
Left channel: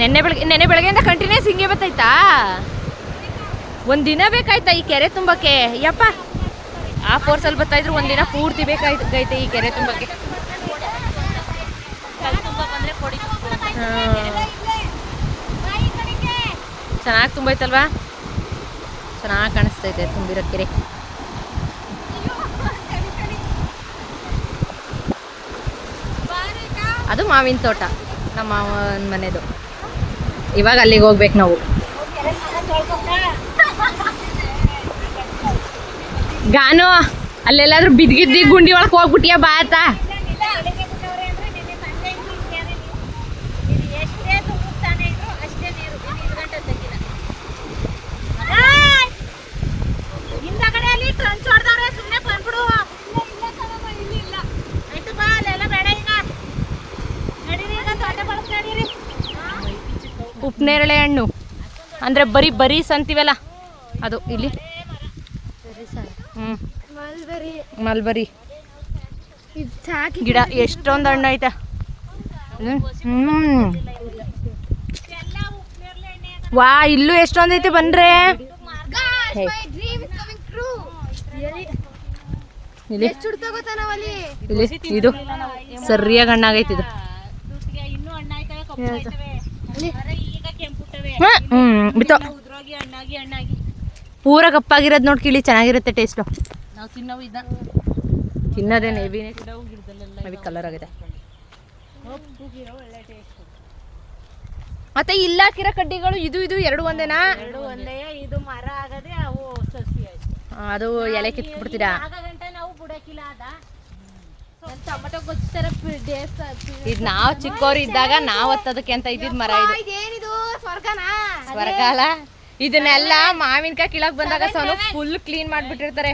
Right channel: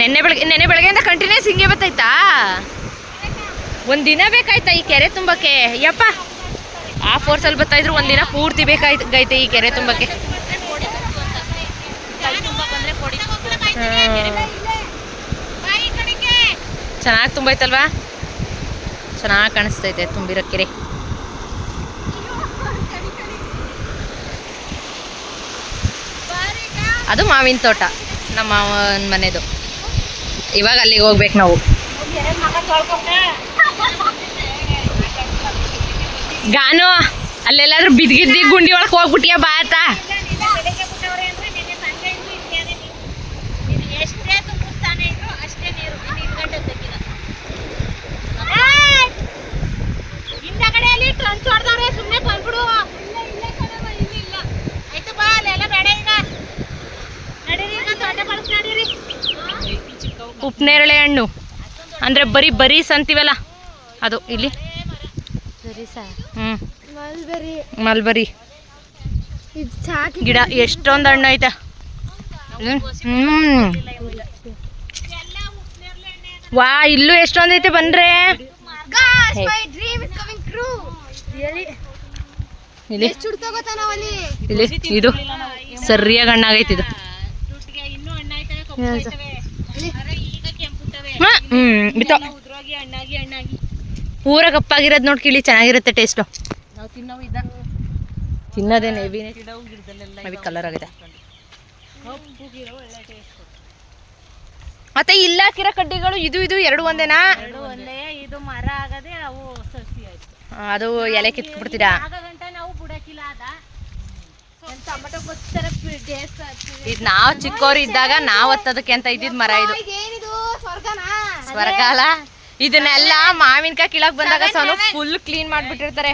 ನೆನ್ನೆ ಬೆಳಗ್ಗೆ. ನೆನ್ನೆ ಬೆಳಗ್ಗೆಯಿಂದ ಕಂಟಿನ್ಯೂಸ್ ಹಿಂಗೆ ಬತ್ತೈತಾ? ಒಂದು ದಿನ ಬೇಕಾಯ್ತಾ ಈ ಕೆರೆ ತುಂಬಕ್ಕೆ? ಯಪ್ಪ. ಆ ಫೋರ್ಸಲ್ಲಿ ಬರ್ತಾ ಇದ್ರು ಒಂದಿನ ಪೂರ್ತಿ ಬೇಕಾಯ್ತೈತೆ ಈ ಕೆರೆ ತುಂಬಕ್ಕೆ. ಚೆನ್ನಾಗಿ ತುಂಬೈತಲ್ವಾ ಚೆನ್ನಾಗಿ ಕಾಣಿಸ್ತೈತೆ ತುಂಬಿರೋ ಕೆರೆ. ಅದು ಮಾವಿನ ತೋಟ, ನಮ್ಮ ಮಾವನ ಮನೆದು. ಇವಾಗ ಅಲ್ಲಿಗೆ ಹೋಗ್ಬೇಕು ನಾವು. ಗಾನು, ಅಲ್ಲೆಲ್ಲಾದ್ರೂ ಬಿದ್ಗಿದ್ದಿ ಗುಂಡಿ ಒಳಗೆ ಹೋಗ್ಬಿಟ್ಟಿಯ ಬಾತ ಎಷ್ಟೇ ತುಂಬಿಸ್ತಾನೆ ಇದ್ರು ಅಷ್ಟೇ ನೀರು ಇನ್ನು ಇದು ಗಂಟೆ ತೆಗಿನ ಹಿಂದಗಡೆ ಅಲ್ಲಿ ಟ್ರಂಚ್ ಹೊಡೆದವ್ರೆ ಸುಮ್ಮನೆ ಬಂದ್ಬಿಡು ಆಯ್ತು ಬಾ ಅಲ್ಲೆಲ್ಲ ಬೇಡ ಈಗ ನಡೀರಿ ಈಗ ತೋಟ ಕಳ್ಸಿ ನಡೀರಿ ಉಪ್ನೇರಳೆ ಹಣ್ಣು ಅಂದರೆ ಬರೀ ಬರೀಸ್ ಸಂತೀವಲ್ಲ? ಅದು ಇಲ್ಲಿ. ಹ್ಞೂ ಮಲ್ಬರಿ. ಗಿಡ ಎಷ್ಟೊಂದು ಹಣ್ಣು ಐತೆ. ಹ್ಞೂ ವಾ ಇಲ್ಲೂ ಎಷ್ಟೊಂದು ಐತೆ ಬನ್ರೆ. ಇಲ್ಲಿ. ಇಲ್ಲಿ ಇದು ಸರಿಯಾಗಿ ಹಣ್ಣಾಗೈತಿ ಇದು. ಇನ್ನೂ ಹ್ಮ್ ಬಿತ್ತೋ. ಪೂರ ಕಪ್ಪಾಗಿರೋದು ನೋಡಿ ಕಿಳಿ ಚೆನ್ನಾಗಿರುತ್ತೆ ಟೇಸ್ಟು ತಿನ್ನೋದೇನೆ ಹೆವಿನೇ ಹೆವಿ ಕಲರ್ ಆಗಿದೆ. ಮತ್ತೆ ಇಲ್ಲ ಕಿರ ಕಡ್ಡಿಗಳು ಇದು ಇದು ಎರಡು ಒಂದೇನಾ? ಎರಡು ಒಂದೇ. ಇದು ಮರ ಆಗದೆ ಅವು ಅದು ಎಲೆ ಕಿತ್ಬಿಡ್ತೀರಾ ಆಗ ಗಂಟ ನಾವು ಬುಡಕಿಲ್ಲ ಅದ ಟೊಮೆಟೊ ಗೊತ್ತರ ಡೇಸ್ ಇದು ನಾವು ಚಿಕ್ಕವ್ರು ಇದ್ದಾಗ ನಾವು ಹತ್ತದಕ್ಕೆ ಅಂತ ಇದ್ದಿದ್ ಮರ ಇದು. ಏನಿದು? ಸ್ವರ್ಗನಾ? ಸ್ವರ್ಗಾಲ? ಇದನ್ನೆಲ್ಲ ಮಾವಿನಕಾಯಿ ಕೀಳಕ್ ಬಂದಾಗ ಸೋನು ಫುಲ್ ಕ್ಲೀನ್ ಮಾಡ್ಬಿಟ್ಟಿರ್ತಾರೆ.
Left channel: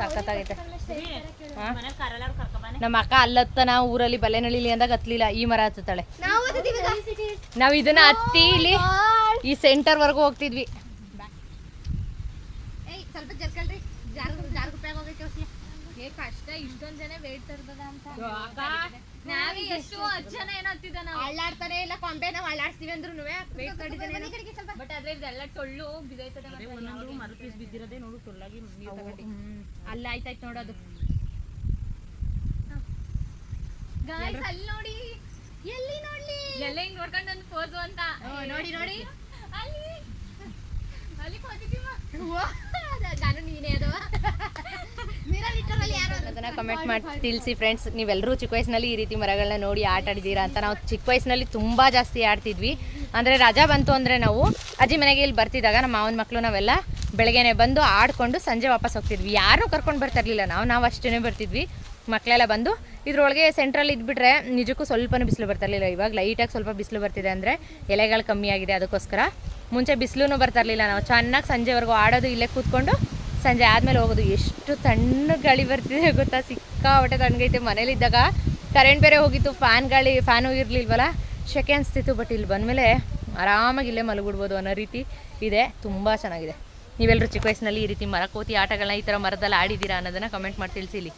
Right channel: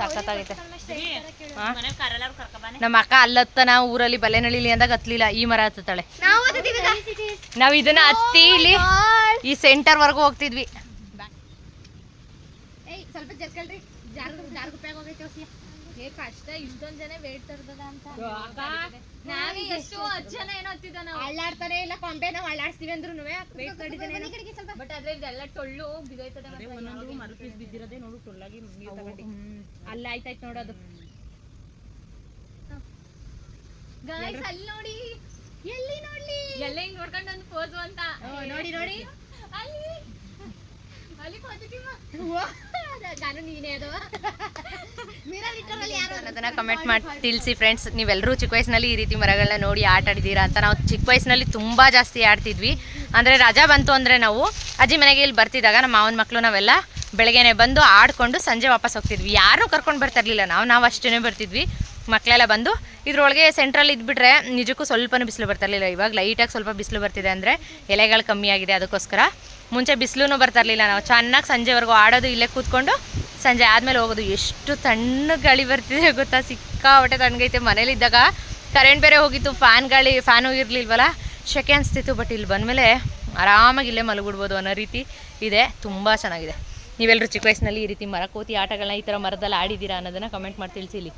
ಸಖತ್ತಾಗೈತೆ? ನಮ್ಮ ಅಕ್ಕ ಅಲ್ಲತ್ತನ ಊರಲ್ಲಿ ಬಲೆನಳಿಲಿ ಅಂದಾಗ ಹತ್ಲಿಲ್ಲ ಈ ಮರ ಹತ್ತತಾಳೆ ನಾವ್ ಇದನ್ನ ಹತ್ತಿ ಇಲ್ಲಿ ಈ ಸೆಂಟರ್ ವರ್ಗು ಹೋಗ್ತಿದ್ವಿ. ಏ ಕಷ್ಟ ಇಷ್ಟೊಂದ್ ಜನ ವೇಟ್ ತರ್ತದ ಅಂತ ನಾವೇ ಎಷ್ಟು ಹತ್ತು ಜನ ಏನೋ ಹತ್ತಿದ ನಾವು. ಅಳ್ಳಾಡ್ತಾನೆ ಇಲ್ಲ ಕೊಂಬೆ ನಾವು ಅಳ್ಳಾಡ್ಸ್ತೀವಿ ಅಂದ್ರು ಬಟ್ ಆದ್ರೆ ಇದೆಲ್ಲ ಟೊಳ್ಳು ಬಿದೈತದೆ ಬಿದ್ದಿರೋದೇ ನೋಡು ಟೊಳ್ಳಾಗಿ ಅಲ್ಲ ಆಯ್ತಾಯ್ತು ನೋಡೋದು ಗಾಯ್ಸ್ ಅಲ್ಲಿ ನೋಡಿ. ಎಲ್ಲಿ ನೋಡ್ಲಿ? ಎಲ್ಲ ಹಿಂಗ್ ನೋಡ್ಕೊಂಡು ಒಂದು ಪೋಸು ಅಂತ. ನೋಡಿ ನೋಡಿ. ಅಲ್ಲಿ. ಅಲ್ಲಿ ಪಾಸಿಟಿವ್ ನಾನು ನೀನೇ ಅದವ. ಅದನ್ನ ಕಮೆಂಟ್ ಮಾಡಿ ತಿಳಿಸಿ ಫ್ರೆಂಡ್ಸ್ ನೀವೆಲ್ಲರೂ ಚಿಕ್ಕ ವಯಸ್ಸಿನಲ್ಲಿ ಈ ರೀತಿ ಮರಗಳನ್ನ ನೋಡಿ ಆಟ ಆಡಿದ್ದೀರಾ ಅಂತ ನಾವು ಚಿಕ್ಕ ವಯಸ್ಸಿನಲ್ಲಿ ತುಂಬ ಜಾಸ್ತಿ ಆಡ್ತಿದ್ವಿ. ಅಂದರೆ ರಜಾ ಬಂತು ಅಂದರೆ ನಾವು ಅಜ್ಜಿ ಮನೆಗೆ ಇಲ್ಲಿ ಬರ್ತಿದ್ದಾಗ ನಮ್ಮ ಮಾವನ ಮಕ್ಕಳು ನಾವೆಲ್ಲ ಬೆಳಗ್ಗೆನೆ ಬಂದು ಆಡ್ಕೊಂಡು ಸಂಜೆ ವಾಪಸ್ ಹೋಗ್ತಿದ್ವಿ. ಯಾರೂ ಕರ್ಕೊಂಡು ಬರ್ತಾ ಇರಲಿಲ್ಲ. ನಾವು ನಾವು ಅಷ್ಟೇ ಬರ್ತಿದ್ವಿ. ಮಕ್ಕಳೆಲ್ಲ ಬಂದು ಇದ್ರೊಳಗೆ ಸೆಂಟ್ರಲ್ಲಿ ಇದ್ಬಿಟ್ರೆ ನಿಜಕ್ಕೂ ಸ್ವಲ್ಪನೂ ಬಿಸಿಲು ಬರ್ತಿರಲಿಲ್ಲ ಇವಾಗ ಲೈಟಾಗಿ ಸ್ವಲ್ಪ ಬಿಸಿಲು ಬರ್ತಿದೆ ಅಂದರೆ ಎಲೆಗಳು ಕಮ್ಮಿ ಆಗಿದೆ ಅದಕ್ಕೋಸ್ಕರ. ಮುಂಚೆ ಬಿಸಿಲೂ ಬರ್ತಾ ಇರಲಿಲ್ಲ ನಾವು. ಚೆನ್ನಾಗಿ ಸಂಜೆವರೆಗೂ ಆಡೋದು ಇಲ್ಲೇ ಕೂತ್ಕೊಂಡು ಸಂಜೆ ಆದಮೇಲೆ ಹೋಗೋದು. ಎಷ್ಟು ತಣ್ಣಗೆ ಗಾಳಿ ಬರ್ತಿದೆ ಗೊತ್ತಾ? ಸಿಕ್ಕಾಪಟ್ಟೆ ತಣ್ಣಗೈತೆ. ಮನೇಲಿದ್ದಾಗ ಕರೆಂಟ್ ಬೇರೆ ಹೋಗಿತ್ತು. ಫ್ಯಾನ್ ಗಾಳಿ ಫ್ಯಾನು ಇರಲಿಲ್ವಲ್ಲ ಶೆಕೆ ಅನಿಸ್ತಿತ್ತು ಬಟ್ ಇಲ್ಲಿ ಬಂದಮೇಲೆ ಆರಾಮಾಗಿ ಇಲ್ಲೇ ಮಲಗಿಡ್ಬೋದು ಅನ್ನೋ ರೀತಿ ಇದೆ. ತುಂಬ ಚೆನ್ನಾಗಿದೆ. ನೀವೆಲ್ಲರೂ ಚಿಕ್ಕ ವಯಸ್ಸಿನಲ್ಲಿ ಈ ರೀತಿ ಮರ ಕೋತಿ ಆಟಗಳನ್ನ ಈ ಥರ ಮರದಲ್ಲಿ ಆಡಿದ್ದೀರಾ ಅನ್ನೋದನ್ನು ಕಮೆಂಟ್ ಮಾಡಿ ತಿಳಿಸಿಲಿ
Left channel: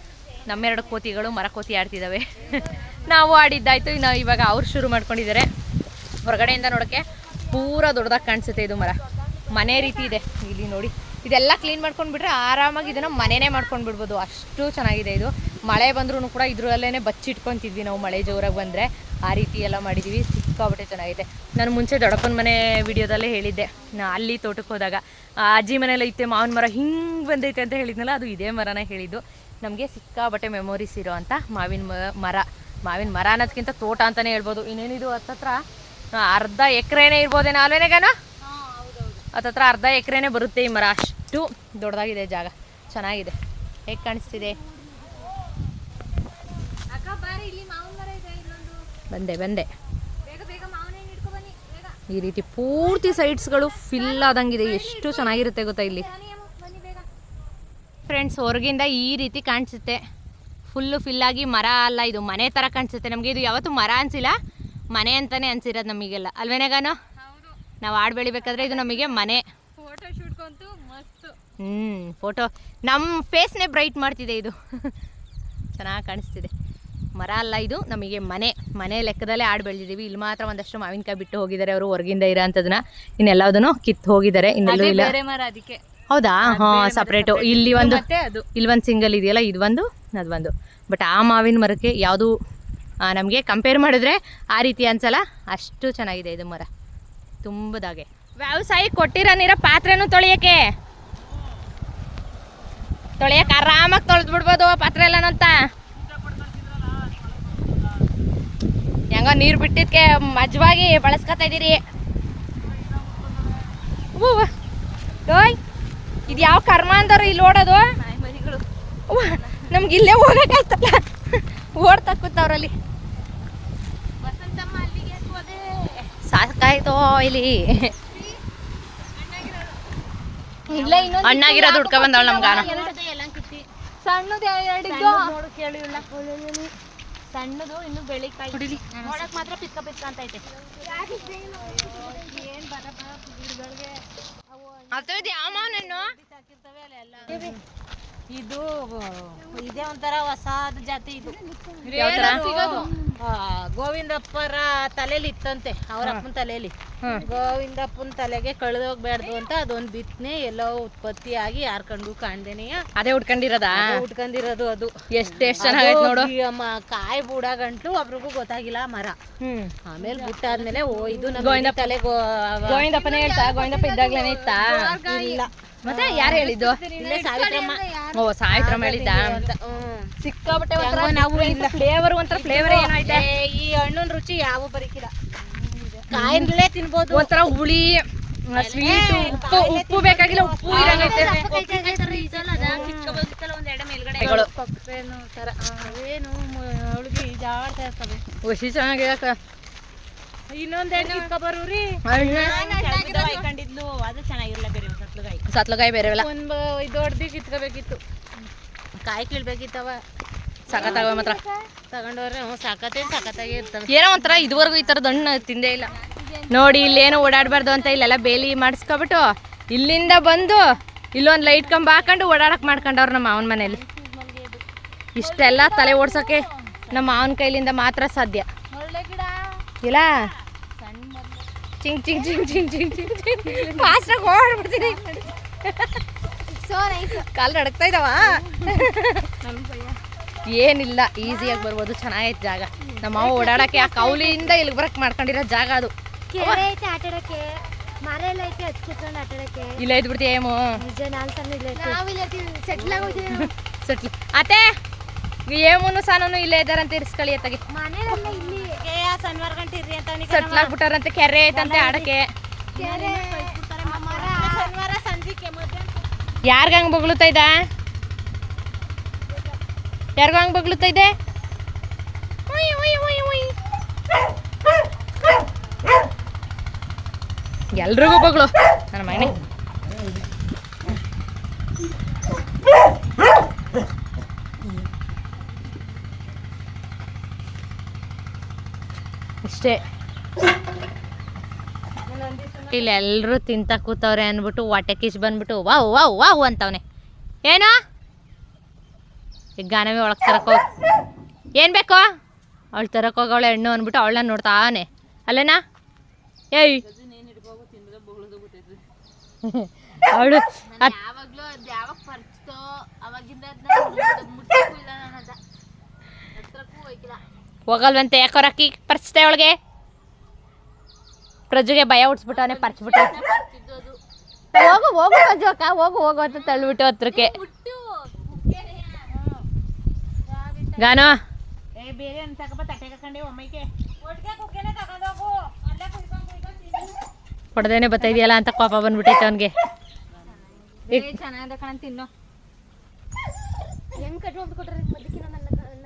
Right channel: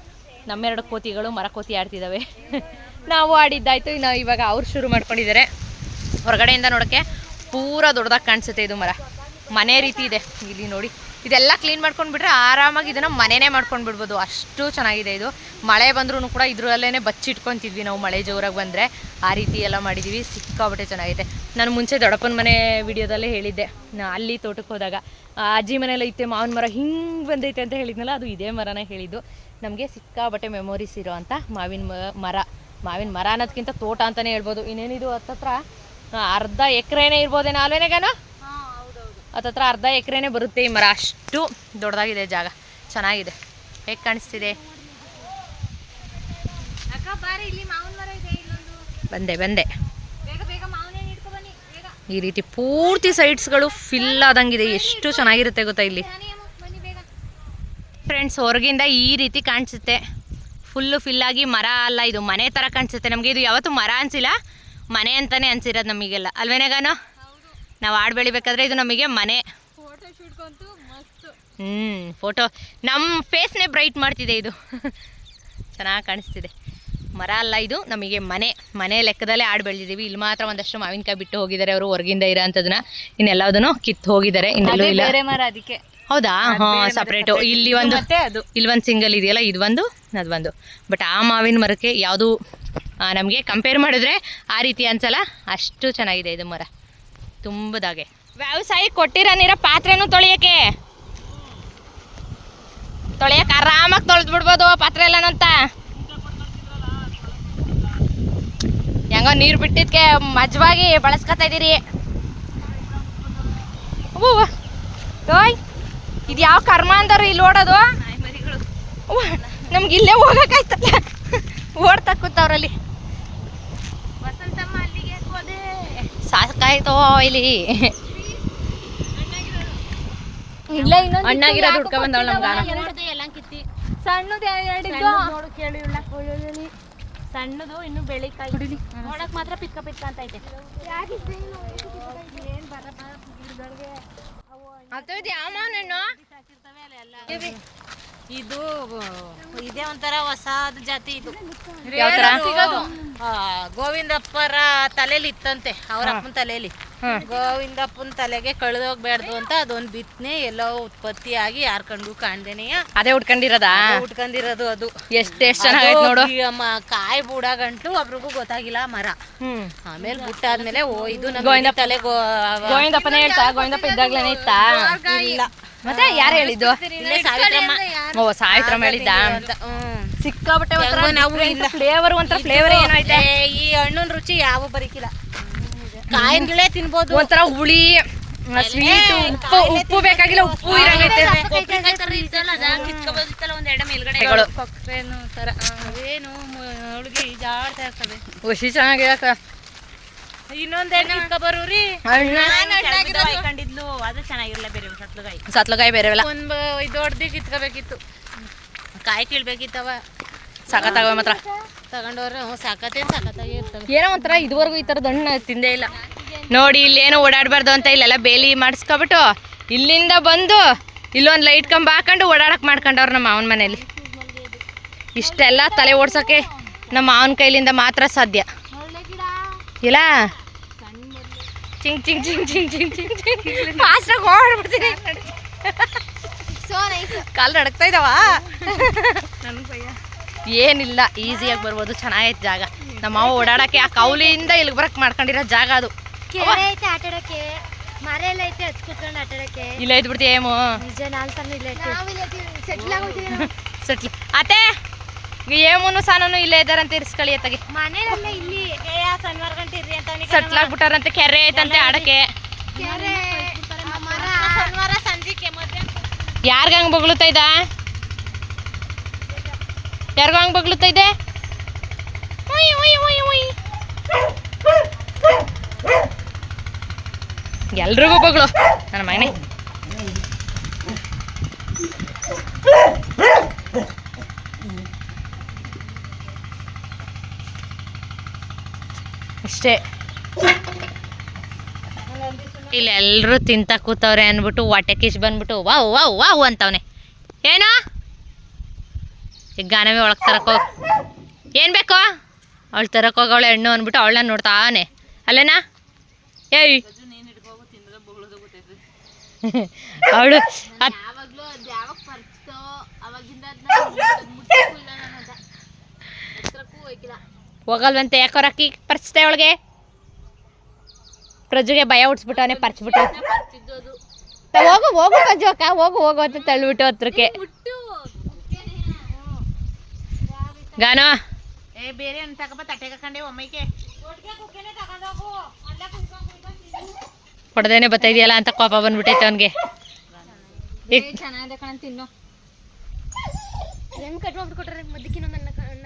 ನಮ್ಮೆರಡು ಕೋತಿಗಳು ಮರ ಕೋತಿ ಆಡ್ತಿದ್ದಾವೆ ನಾವು ಆಡಿದ್ದಾಯ್ತು, ಇನ್ನು ಇವಾಗ ಅವ್ರು ಶುರು ಮಾಡ್ಕೊಂಡಿದ್ದಾರೆ ಹೊರಗಡೆಯಿಂದ ನೋಡೋಕ್ಕೆ ಪೂರ ದೊಡ್ಡದಾಗಿ ಕಾಣಿಸುತ್ತೆ ಇದು ಮರ. ಮನೆ ರೀತಿ ಇದೆ, ಇಲ್ಲಿ ನೋಡಿ. ಇದೆಲ್ಲ ಕ್ಲೀನ್ ಮಾಡ್ಕೊಂಡು ಬಿಟ್ರೆ ಆರಾಮಾಗಿ ಇದನ್ನು ಮನೆನೇ ಮಾಡ್ಕೊಂಡು ಬಿಡ್ಬೋದು ಅಷ್ಟು ಚೆನ್ನಾಗಿದೆ ಇದು. ಮಳೆ ಬಂದ್ರೂ ಕೂಡ ಇದರಲ್ಲೇ ಬಚ್ಚಿಟ್ಕೊತಿದ್ವಿ ನಾವು ಮಳೆ ಜೋರಾಗಿ ಬಂದರೆ. ಆ ರೀತಿ ಎಲ್ಲ ಮಾಡಿದ್ದೀವಿ ಸಿಕ್ಕಾಬಟ್ಟೆ ಚೆನ್ನಾಗಿದೆ ನಾನು ಮುಂಚೆ ದೊಡ್ಡಪ್ಪನ ಮನೆ ವಿಡಿಯೋದಲ್ಲೇ ಹೇಳಿದ್ದೆ, ನಾ ಅಲ್ಲಿ ತೋಟಕ್ಕೆ ಹೋದಾಗ. ಅಜ್ಜಿ ಮನೆಯಲ್ಲ ಇತ್ತೆ, ಮಾವಿನ ಮರ ಹಿಂಗೆ ಬಂದೈತೆ ಅಂತ ಹೇಳಿದ್ನಲ್ಲ, ಅದು ಇದೇ ಮರನೇ ಹೇಳಿದ್ದು. ನಮಗೆ ಸಿಕ್ಕಾಬಟ್ಟೆ ಮೆಮೊರೀಸ್ ಇರೋ ಅಂತ ಮಾವಿನ ಮರ. ಮಾವಿನ ಮರ ಅನ್ನೋದಕ್ಕಿಂತ ತೋಟ ಅಂತಲೇ ಹೇಳ್ಬೋದು. ಇನ್ನೇನಿದು ಹತ್ತತ್ರ ಅರ್ಧ ಎಕರೆನೇ ಇರ್ಬೋದೇನೋ ಅಲ್ವೇನೆಗಾನ ಹತ್ತತ್ರ ಅರ್ಧ ಎಕರೆನೇ ಬರುತ್ತೆ ಈ ಮರ. ಅಷ್ಟು ದೊಡ್ಡದಾಗಿದೆ ಜಾಗ. ಚೆನ್ನಾಗಿದೆ. ಹೇಗೆ ಕಾಣಿಸ್ತಿದೆ? ಬಂದೆ ಬಂದೆ. ಈ ರೀತಿ ಪೂರ್ತಿ ಸೈಟ್ಸ್ಗಳು ಫಿಲ್ ಆದಂಗಿದೆ. ಎಷ್ಟು ಚೆನ್ನಾಗಿರುತ್ತೆ ಗೊತ್ತಾ ಇಲ್ಲಿ ಬನ್ನಿ ಅಮ್ಮ, ಬನ್ನಿ ಬೇಗ ಫ್ರೆಂಡ್ಸ್ ಹೊರಗಿಂದ ಈ ರೀತಿ ಕಾಣಿಸುತ್ತೆ. ಫುಲ್ಲು ಫಿಲ್ಲಾಗಿ ಮರ ಅಲ್ಲ ಇದು ಮನೆ ಥರ ಕಾಣಿಸುತ್ತೆ ನಮಗೆ. ಇದು ಯಾವತ್ತೂ ಮರ ಅನಿಸಿಲ್ಲ ಮನೆ ಅಂತಲೇ ಅನಿಸಿರೋದು ನಮಗೆಲ್ಲ. ಅಲ್ವೇನೇಗಾನು ನಾವು ಆಡ್ ಬೆಳಿಬೇಕಾದ್ರೆ ಇದು ನಮಗೆ ಮನೆ. ಹ್ಞೂ ಫೋಟೋ ನಮ್ಮ ಫೇಸ್ನೇ ಬ್ರೈಟ್ ಮಾಡ್ತಿದೆ ಇದು. ಚೆನ್ನಾಗಿ ಕಾಣಿಸ್ತಿದೆ. ಮರ ಅಲ್ಲ ಇದು ನಮಗೆ ಮನೆ. ಮನೆ ಲೆಕ್ಕದಲ್ಲೇ ಆಡ್ ಬೆಳೆದಿದ್ದೀವಿ. ಇಲ್ಲಿ ಮಾತ್ರ ಒಂದಷ್ಟು ಮಾವಿನಕಾಯಿ ಬಿಟ್ಟು ಹೋಗಿದ್ದಾರೆ ಅವರು ಹೊರಗಿಂದ ಇರೋ ಅಂಥದನ್ನ ಇನ್ನೆಲ್ಲದನ್ನು ಕಿತ್ತು ಹೋಗಿದ್ದಾರೆ. ಇನ್ನೆಲ್ಲೂ ಇಲ್ಲ. ಮರ ಅದಕ್ಕೆ. ಹೌದಾ? ಹಾ ಸಪ್ರೇಟು ಇಲ್ಲಿ ಒಂದು ಇಲ್ಲಿ ಒಂದು ಸಿಂಗಲ್ ಇದೆಯಲ್ಲ ಇದು ಒಂದು ಅದು ಒಂದು. ಬಟ್ ಆ ಮಾವಿನ ಮರಕ್ಕೆ ಯಾವುದು ನಮಗೆ ಕಂಪೇರ್ ಮಾಡಿದ್ರೆ ಆ ರೀತಿ ಅನ್ಸಲ್ಲ? ಅಷ್ಟು ಚೆನ್ನಾಗಿದೆ ಇದು ಮರ. ತುಂಬದಾಗೆ ವ್ಯವಸಾಯ ಕೊಟ್ಟಿರೋ ನೀರ ಪಾತ್ರೆನೂ ತೊಳೆಯಕ್ಕೆ. ತೊಳೆಯಕ್ಕೆ ಆರಾಮಾಗಿ ತೊಳೆದು ಬಿಡ್ಬೋದು ಪಾತ್ರೆ ಎಲ್ಲನಂತ. ಹೆಂಗೋ ನೀರು ಬಿಟ್ಟಿದ್ಕೆ ಮಜ್ವಾಗಿ ಬಳಸ್ಕೊತಾ ಇದೀರಿ. ಓಯ್. ಇದು ಯಾವ ಕರ್ಮ ಅಂದಾರ ಇಲ್ಲಿ ಓಡೋದು? ನಮ್ಗೆ ಇಲ್ಲೇ ಹೋಗಕ್ಕಾಯ್ತಲ್ಲ ಓಡ್ತಾ ಕೂತವ್ರಲ್ಲಿ ವಸಂತಮ್ಮ ಅಲ್ಲಿಗೆ ಸಾಕಾಯ್ತೋ ಇಲ್ಲಿ. ಇಲ್ಲ ಇನ್ನೊಂದು ಹಣ್ಣಾಗಿರೋದು ಹುಡ್ಕ ಬಂದವಳು ಕಿತ್ತಿ ಸಣ್ಣದು ಕೇಳಿ ಸಣ್ಣದು ಇನ್ನು ಬೆಳಿಕಾಯಿ ಕುಡಿಲಿ. ನೋಡಕ್ ಮಾತ್ರ ಪಿಕ್ಕ ಪಿಕ್ಕ ಅಂತ ಐತೆ. ಯಾವ ಮಾವನಣ್ಣು ಇದು ಇದೇ ಒಂಥರ ಹೊಸದ ಜಾತಿ ಇದು. ಗೋವಿಂದಪ್ಪರ ತಲೆಯಲ್ಲಿ ಇತ್ತಂತೆ ಅವ್ರ ಅಪ್ಪನ ತಲೆಯಲ್ಲಿ ಗೋವಿಂದಪ್ಪನ ತಲೆಗೆ ಕಳೆದೋಗ್ಬಾರ್ದು ಅಂತ ಅದೊಂದು ಬಿತ್ತನೆ ಎಲ್ಲೋ ಉತ್ಪತ್ತಿ ಆಗಿ ಯಾರ್ ಕಂಡು ಕಾಣ್ದೇನೆಯ ಅದೇ ಉಟ್ಕೊಂಡಿರೋದ? ಉಟ್ಕೊಂಡಿರೋದು ಅದು. ಎಷ್ಟೆಷ್ಟು ನೋಡು. ಕಾಯಿ ಬೂಡ ಗಂಟ್ಲು ಒಬ್ರಿಗೂ ಗೊತ್ತಾಗಿಲ್ಲ ಮರ. ಆಮೇಲೆ ಬಿಟ್ಟಾದ್ಮೇಲೆ ಓ ಇದು ನಮ್ಮ ತಲೆ ಗೋವಿಂದಪ್ಪನೇ ಹೇಳ್ತಾ? ಗೋವಿಂದಪ್ಪ ಇದ್ದಾಗ್ಲೇನೆ ಇತ್ತಾ? ಇಲ್ಲ. ಮತ್ತೆ ಯಾರು ಹೇಳಿದ್ದು? ಇಲ್ಲೇ ಸಾವಿತ್ರಮ್ಮ. ಓ ಸಾವಿತ್ರಮ್ಮ ಹೇಳಿದ್ದ? ಸಿಕ್ಕಾಬಟ್ಟೆ ಹೆಂಗೋ ನಾವು ಇಲ್ಲ. ಫ್ಲೇವರ್ ಒಂಥರ ಫ್ಲೇವರ್ ಏನೋ ಐತೆ. ಏ, ಈ ಹಣ್ಣಿನ ರುಚಿ ಯಾವ ಬರೀಕಿಲ್ಲ. ಕಾಯಿಂದಲೇ ತಿನ್ಬೋದು. ಒಂಥರ ಹುಳಿ ಸ್ವೀಟ್ ಉಪ್ಪು ಉಪ್ಪು ಬೇಕಾಗಿಲ್ಲ ಉಪ್ಪು ಇರಂಗೈತೆ. ಹುಷಿ ಚೆನ್ನಾಗಿದೆ. ಇನ್ನೊಂದೇನು ಬರೋರಿ? ಕಂಡಿದ್ಲು ಅದು ಚೆನ್ನಾಗಿರಲ್ಲ ಬೇರೆ ಸತ್ಲಗಾಯಿ. ಸತ್ಲಗಾಯಿ ಬೇರೆ ಒಂದ್ ಇದು ಹೊಡ್ದು ಕಿತ್ಕೋಬೇಕಿತ್ತು ಕಾಯಿ ಕೀಳ್ಬೇಕಿತ್ತವ. ಸಖತ್ತಾಗವೆ ಮಾತ್ರ. ತಗೊಂಡವ್ರೆ ಹ್ಞೂ ಸಾಕತ್ತೆ ಸಾಕತ್ತಾಗಿ ಇರ್ತವೆ ಏನೋ ಒಂಥರ ಇದುವರೆಗೂ ಈ ಥರದ ಹಣ್ಣು ತಿಂದೇ ಇಲ್ಲ. ನೋಡಿ ಇಲ್ಲೇನೋ ಓಡಾಡಬಾರ್ದು ಅಂತ ಇಲ್ಲೆಲ್ಲ ಬೇಲಿ ಮಾಡಿಸ್ಕೊಬಿಟ್ಟು ಇಲ್ಲಿಂದ ಬಂದು ಇಲ್ಲೊಂದು ಲೈಟ್ ಕಂಬ ಹಾಕೊಂಡು ಓಡಾಡಕ್ಕೆ ಮಾಡ್ಕೊಂಡವ್ರು ನಮ್ಮ ಮಾವನ ಮನೇಲಿ. ಇಷ್ಟೆಲ್ಲ ತಲೆ ಓಡ್ಸೋಕ್ಕೆ ನಮ್ಮ ಮಾವನ ಕೈಲಿಂದ ಮಾತ್ರ ಸಾಧ್ಯ. ಇಲ್ಲ? ಚಿಂಗ್ ಚಿಂಗ್ ಚಿಂಗ್ ಚಿಂಗ್ ಚಿಂಗ್ ಚಿಂಗ್ ಚಿಂಗ್ ಫಾಸ್ಟಾಗಿ ಓಡಾಡ್ಬಿಡ್ತೀನಿ. ಕಾಲು ನಡಕ್ತಾ ಇದ್ದಾವ ಏನಿಲ್ಲ ಈಸಿಯಾಗಿ ಬರ್ಬೋದು. ಚೆನ್ನಾಗೈತೆ ಜಾಗ. ನಮ್ಮ ಮಾವ ಓಡಾಡಕ್ಕೆ ಆ ಕೌಲಿಯಿಂದ ಇಲ್ಲಿಗೆ ಬರಕ್ ಮಾಡ್ಕೊಂಡಿರೋ ಜಾಗ ಅದು. ಇಲ್ಲ ಇದ್ಬಿಡ್ತಿ ಏಮು? ಸೆಟ್ಲ್ ಅತ್ತೆ ಏಮುನು ಸಾನು ಇಲ್ಲೇ ಇದಾರಂತ ಇರಿಸ್ಕೊಳ್ಳಿ ಅತ್ತಗೆ. ಅಂತ ಕೆರೆ ಐತಂತೆ ಆಡಕ್ಕೆ. ಯಾರ್ಗ ಹಂಗ್ ಬಗ್ಳುತ್ತಾ ಇದ್ದ? ಯಾರಿಗ ಹಂಗ್ ಇದೆ ಉಯ್. ಎಲ್ರಿಗೂ ಬಗ್ಳು ನನ್ನ ಮೈನೆ ಇಷ್ಟೇ. ಇಲ್ಲಿ ಎಲ್ಲರೂ ತಿಂತ ಕೂತವ್ರೆ ಅಂದ್ಬಿಟ್ಟು ಹೊಟ್ಟೆ ಕಿಶ್ ಬಂದ್ಬಿಟ್ಟು ವಾವ್ ವಾವ್ ವಾವ್ ಅಂತವನೆ. ಏನೋ? ಈಗ ಗಾನವೇ ಒಳಗೆ ತರಕೋ ಏನು ಬೇಕು? ಅವಳು ತರಕೋಗವಳೆ ಹೆಣ್ಣು ಅಂದ್ಬಿಟ್ಟು ಅವಳನ್ನ ನೋಡ್ತಾನೆ ಅಲ್ಲೇನಾ? ಏಯ್. ಅವಳು ಹೋಗಲ್ವಂತೆ ಯಾಕೋರಾಕಿ ಪರಿಸ್ಥಿತಿ ಯಾವಾಗ ಪರ್ಚ್ತೋ ಅವಾಗಿಂದ ಅದ್ನ ಮುಟ್ಟಿಲ್ಲ ನಾನು ಅದ ಹತ್ರಕ್ಕೂ ಹೋಗಿಲ್ಲ ಹೋಗಲ್ವಂತೆ ಯಾಕೋ ಅಕ್ಕಿ ಪರ್ಚ್ತೆ ಅವಳಿಗೆ ಪ್ರಜುಗೆ ಭಯ ಹುಡ್ಸ್ಬಿಟ್ಟವನೆ ಪರ್ಚ್ಬಿಟ್ಟು ಹೋಗು ಹೋಗು ಪ್ರಜು ಅಕ್ಕ ಹೋಗು ಹೋಗು ಅಂತ ತಳ್ಳಿಬಿಟ್ಟು ಹತ್ರಕ್ಕೆ. ಗಾನೋ. ಬೇರೆ ತಟ್ಟೆ ಒಮ್ಮೆಗೆ. ಹೊಡೆದೇನೆ ಬರ್ತಾ ಇದೆಯಲ್ಲ ಅಂತ ಕೋಪ ಬಂದ್ಬಿಟ್ಟೈತೆ ಅವನಿಗೆ.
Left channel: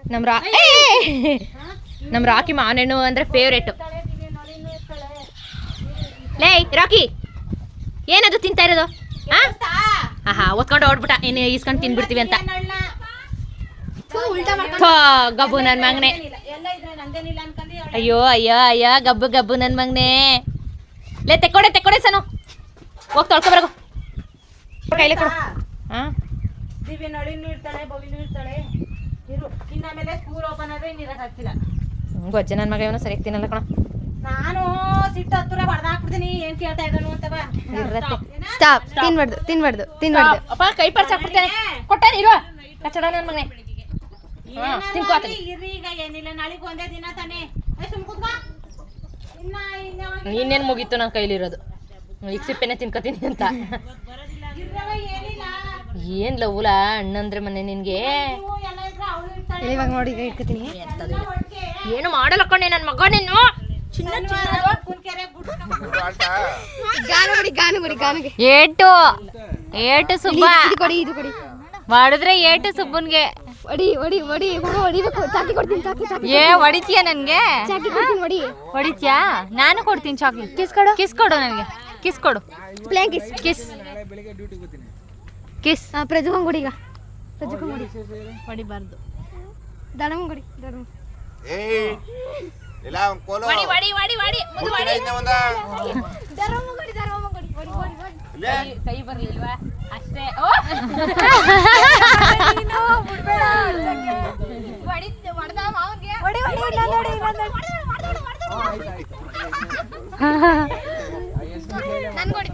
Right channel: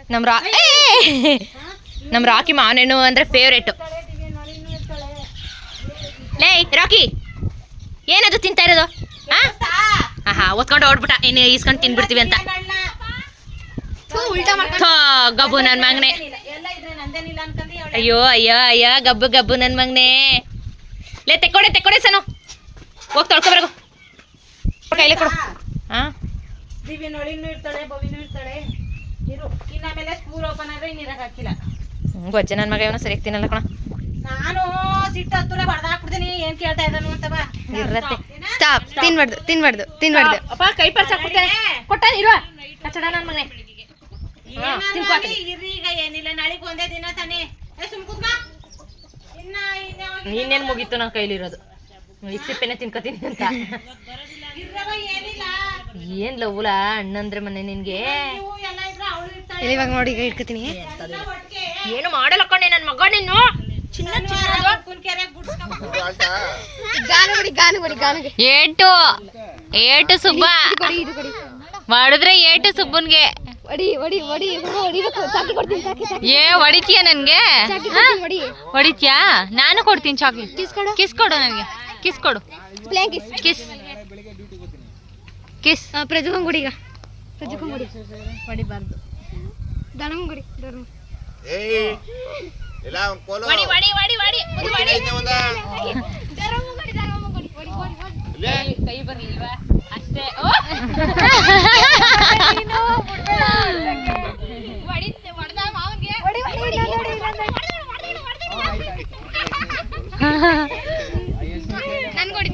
ನಮ್ ನಮ್ಮ ರಾ! ನಮ್ಮ ರಾಕಿ ಮಾವನೇನು ಅಂದ್ರೆ ಫೇವ್ರೇಟು ಲೇ ರಾಕಿ. ಏನದು ತಿಂತಾ ಇರೋದು? ಹಾ ಹಾ ಒತ್ಕೊಂಡು ಹೊಡ್ಬಿಟ್ಟ ಇನ್ನು ಈಸ್ಕೊಂಡು ತಿನ್ಬಿಡ್ತೀವಿ ಅಂತ. ಗಬ್ಬು ನನ್ನ ಮಗನೆ. ಅಯ್ಯೋ ಅಯ್ಯೋ ಅಯ್ಯ ಗಬ್ಬು ಗಬ್ಬು ನನ್ನ ಮಗನೇ. ಲೇ ತೆಕ್ಕೊಡೆ ತೆಕ್ಕೊಡೆ ಸನು. ಹೋಗಿ ತೊಳ್ಕೊ ಬರಗು. ಕೈಲಿ ಕೊಡು. ಹಾ ಗೊಜ್ಜ ನನ್ನ ಮಗ ಇವನು ಸರಿಯಾಗಿ ತಿನ್ನಲ್ಲ ಕಣ. ನಾನು ಸಿಟ್ಟು ಹತ್ತಿರ ಬಡ್ದ ಹಾಕ್ಬಿಡ್ತೀನಿ ಏನ್ ಕೇಳ್ತಾ ಇದ್ದಾನು ಅಂತ ಬಾ. ಇರತ್ತೆ ಸ್ಟಾಪ್ ತಿನ್ಬಾರ್ದು ತಿನ್ಬಾರ್ದು ತಿನ್ಬಾರ್ದು. ಅಪ್ಪ ಕೈ ಪರ್ಸ್ ಹಾಕ್ಬಿಡ್ತೇನೆ. ಕೊಟ್ಟಾನ ಇರುವ ಕಚ್ಚಡ ನನ್ನ ಮಗನೇ. ಇರ್ರಿ ಈಗ. ಏನಿಲ್ಲ ನಾಳೆಗ್ ಒಂದೇ ದಿನ ತಾನೇ. ಏ ಸುಮ್ ಕೂತ್ಕೋ. ಇನ್ನೇನು ಮುಗೀತು ನನ್ನ ಕೈಲಿರೋದು. ಈಗ ಸಿಪ್ಪೆನೆ ತಿನ್ಕೋತೀನಿ ಅಂತ. ಏನ್ ಲವ್ಲ ಅಣ್ಣಂದ್ರೆ ಮನೆ ನಿನ್ಗೆ? ಇವಾಗ ನೋಡಿ ಇಟ್ಕೋತೀನಿ? ಏನು ಮಾಡಲ್ಲ ಕಣೆ ನನ್ನ ಮಗ ನೀನು? ಏಟು ಏಟು ಸುಬ್ಬ ಮಾಡಿದ್ರೆ ಏಟು ಸುಬ್ಬನ್ಗೆ ಏ ಹೊಡಿತೀಯ ನನ್ಗೆ ಹೊಡಿತೀಯಾ ನಾನು ಕೊಡ್ತೀನಿ ಚಾಕ್ಲೇಟ್ ಕಿಸ್ ಕೊಡು ಕಿಸ್ ಕೊಡು ನನಗೆ ಕಿಸ್ ಕೊಡು ಕಿಸ್ ಕಿಸ್ ಕಿಸ್ ಕಿಸ್ ಹೊಡಿಬಾರ್ದು ಕೊಡಿ ಪ್ರಜುಕಂಗ್ ಕೊಡಿ ಹೊಡಿಬಾರ್ದು ದಡಂಗ್ ಕೊಡಿ ಕೈ ಬರ್ಲಿಲ್ವಾ ಅಷ್ಟೇ ಹೊಡೆದ ಮಾವನ್ಗೆ ಹೊಡಿ ಹೊಡಿ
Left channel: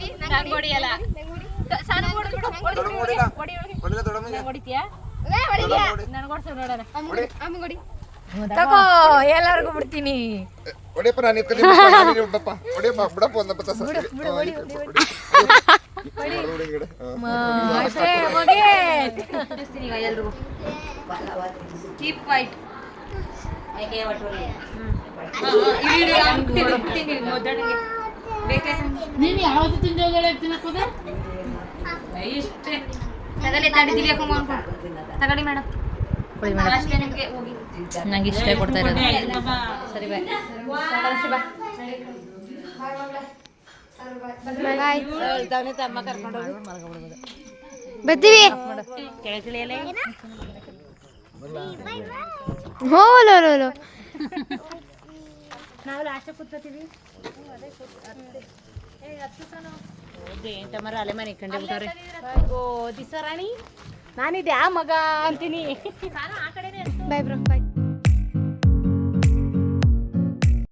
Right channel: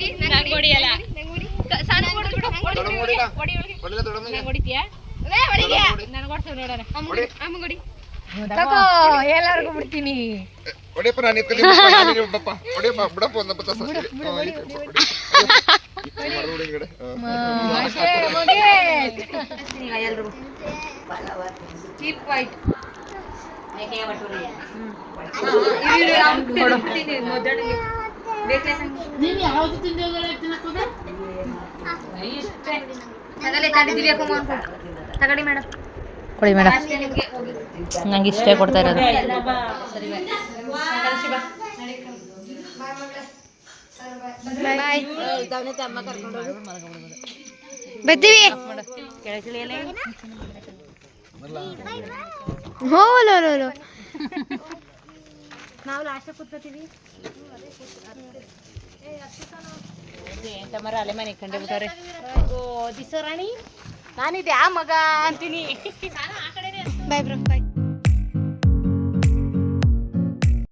ಇಲ್ಲ ಹೊಡಿಯಲ್ಲ ಸಣ್ಣ ಹೊಡಿ ಹೊಡಿ ಹೊಡಿಗೆ ನನ್ಗೆ ನೋಡೋಣ ಕೊಡಿ ತಗೋ ಎಲ್ಲರಿಗೂ ಬಿಡ್ತೀನಿ. ಹೊಡಿಯಪ್ಪ ನಾನು ಇಟ್ಕೊಂಡು ಬಿಡಪ್ಪ. ಹೊಡಿಯಪ್ಪ ಬಿಡಪ್ಪ ಒಂದ ಬತ್ತ ಚೀಪ್ ವೈಟ್ ತಗಡಿ ಮೇಡಮ್ ಕೊಡಿ ಮೇಡಮ್. ನಂಗೆ ಇಷ್ಟೇ ಕೊಡ್ತಾ ಇರೋದು. ಸರಿ ಬಾಯ್ ಬರ್ತೀವಿ ಹೋ ಲೋ ಲೋ ಲೋ. ನಾವು ಲಾಸ್ಟ್ ಕೂತ್ಕೋತೀವಿ. ಅಲೆ ಮನೆ ಕಂಡು ಬಿಟ್ಟವ್ರೆ ಓ ದಿಸ ರಾಣಿ ನಾನಿದೆ ಆ ಮಗ ಅಂತೀನಿ. Bye bro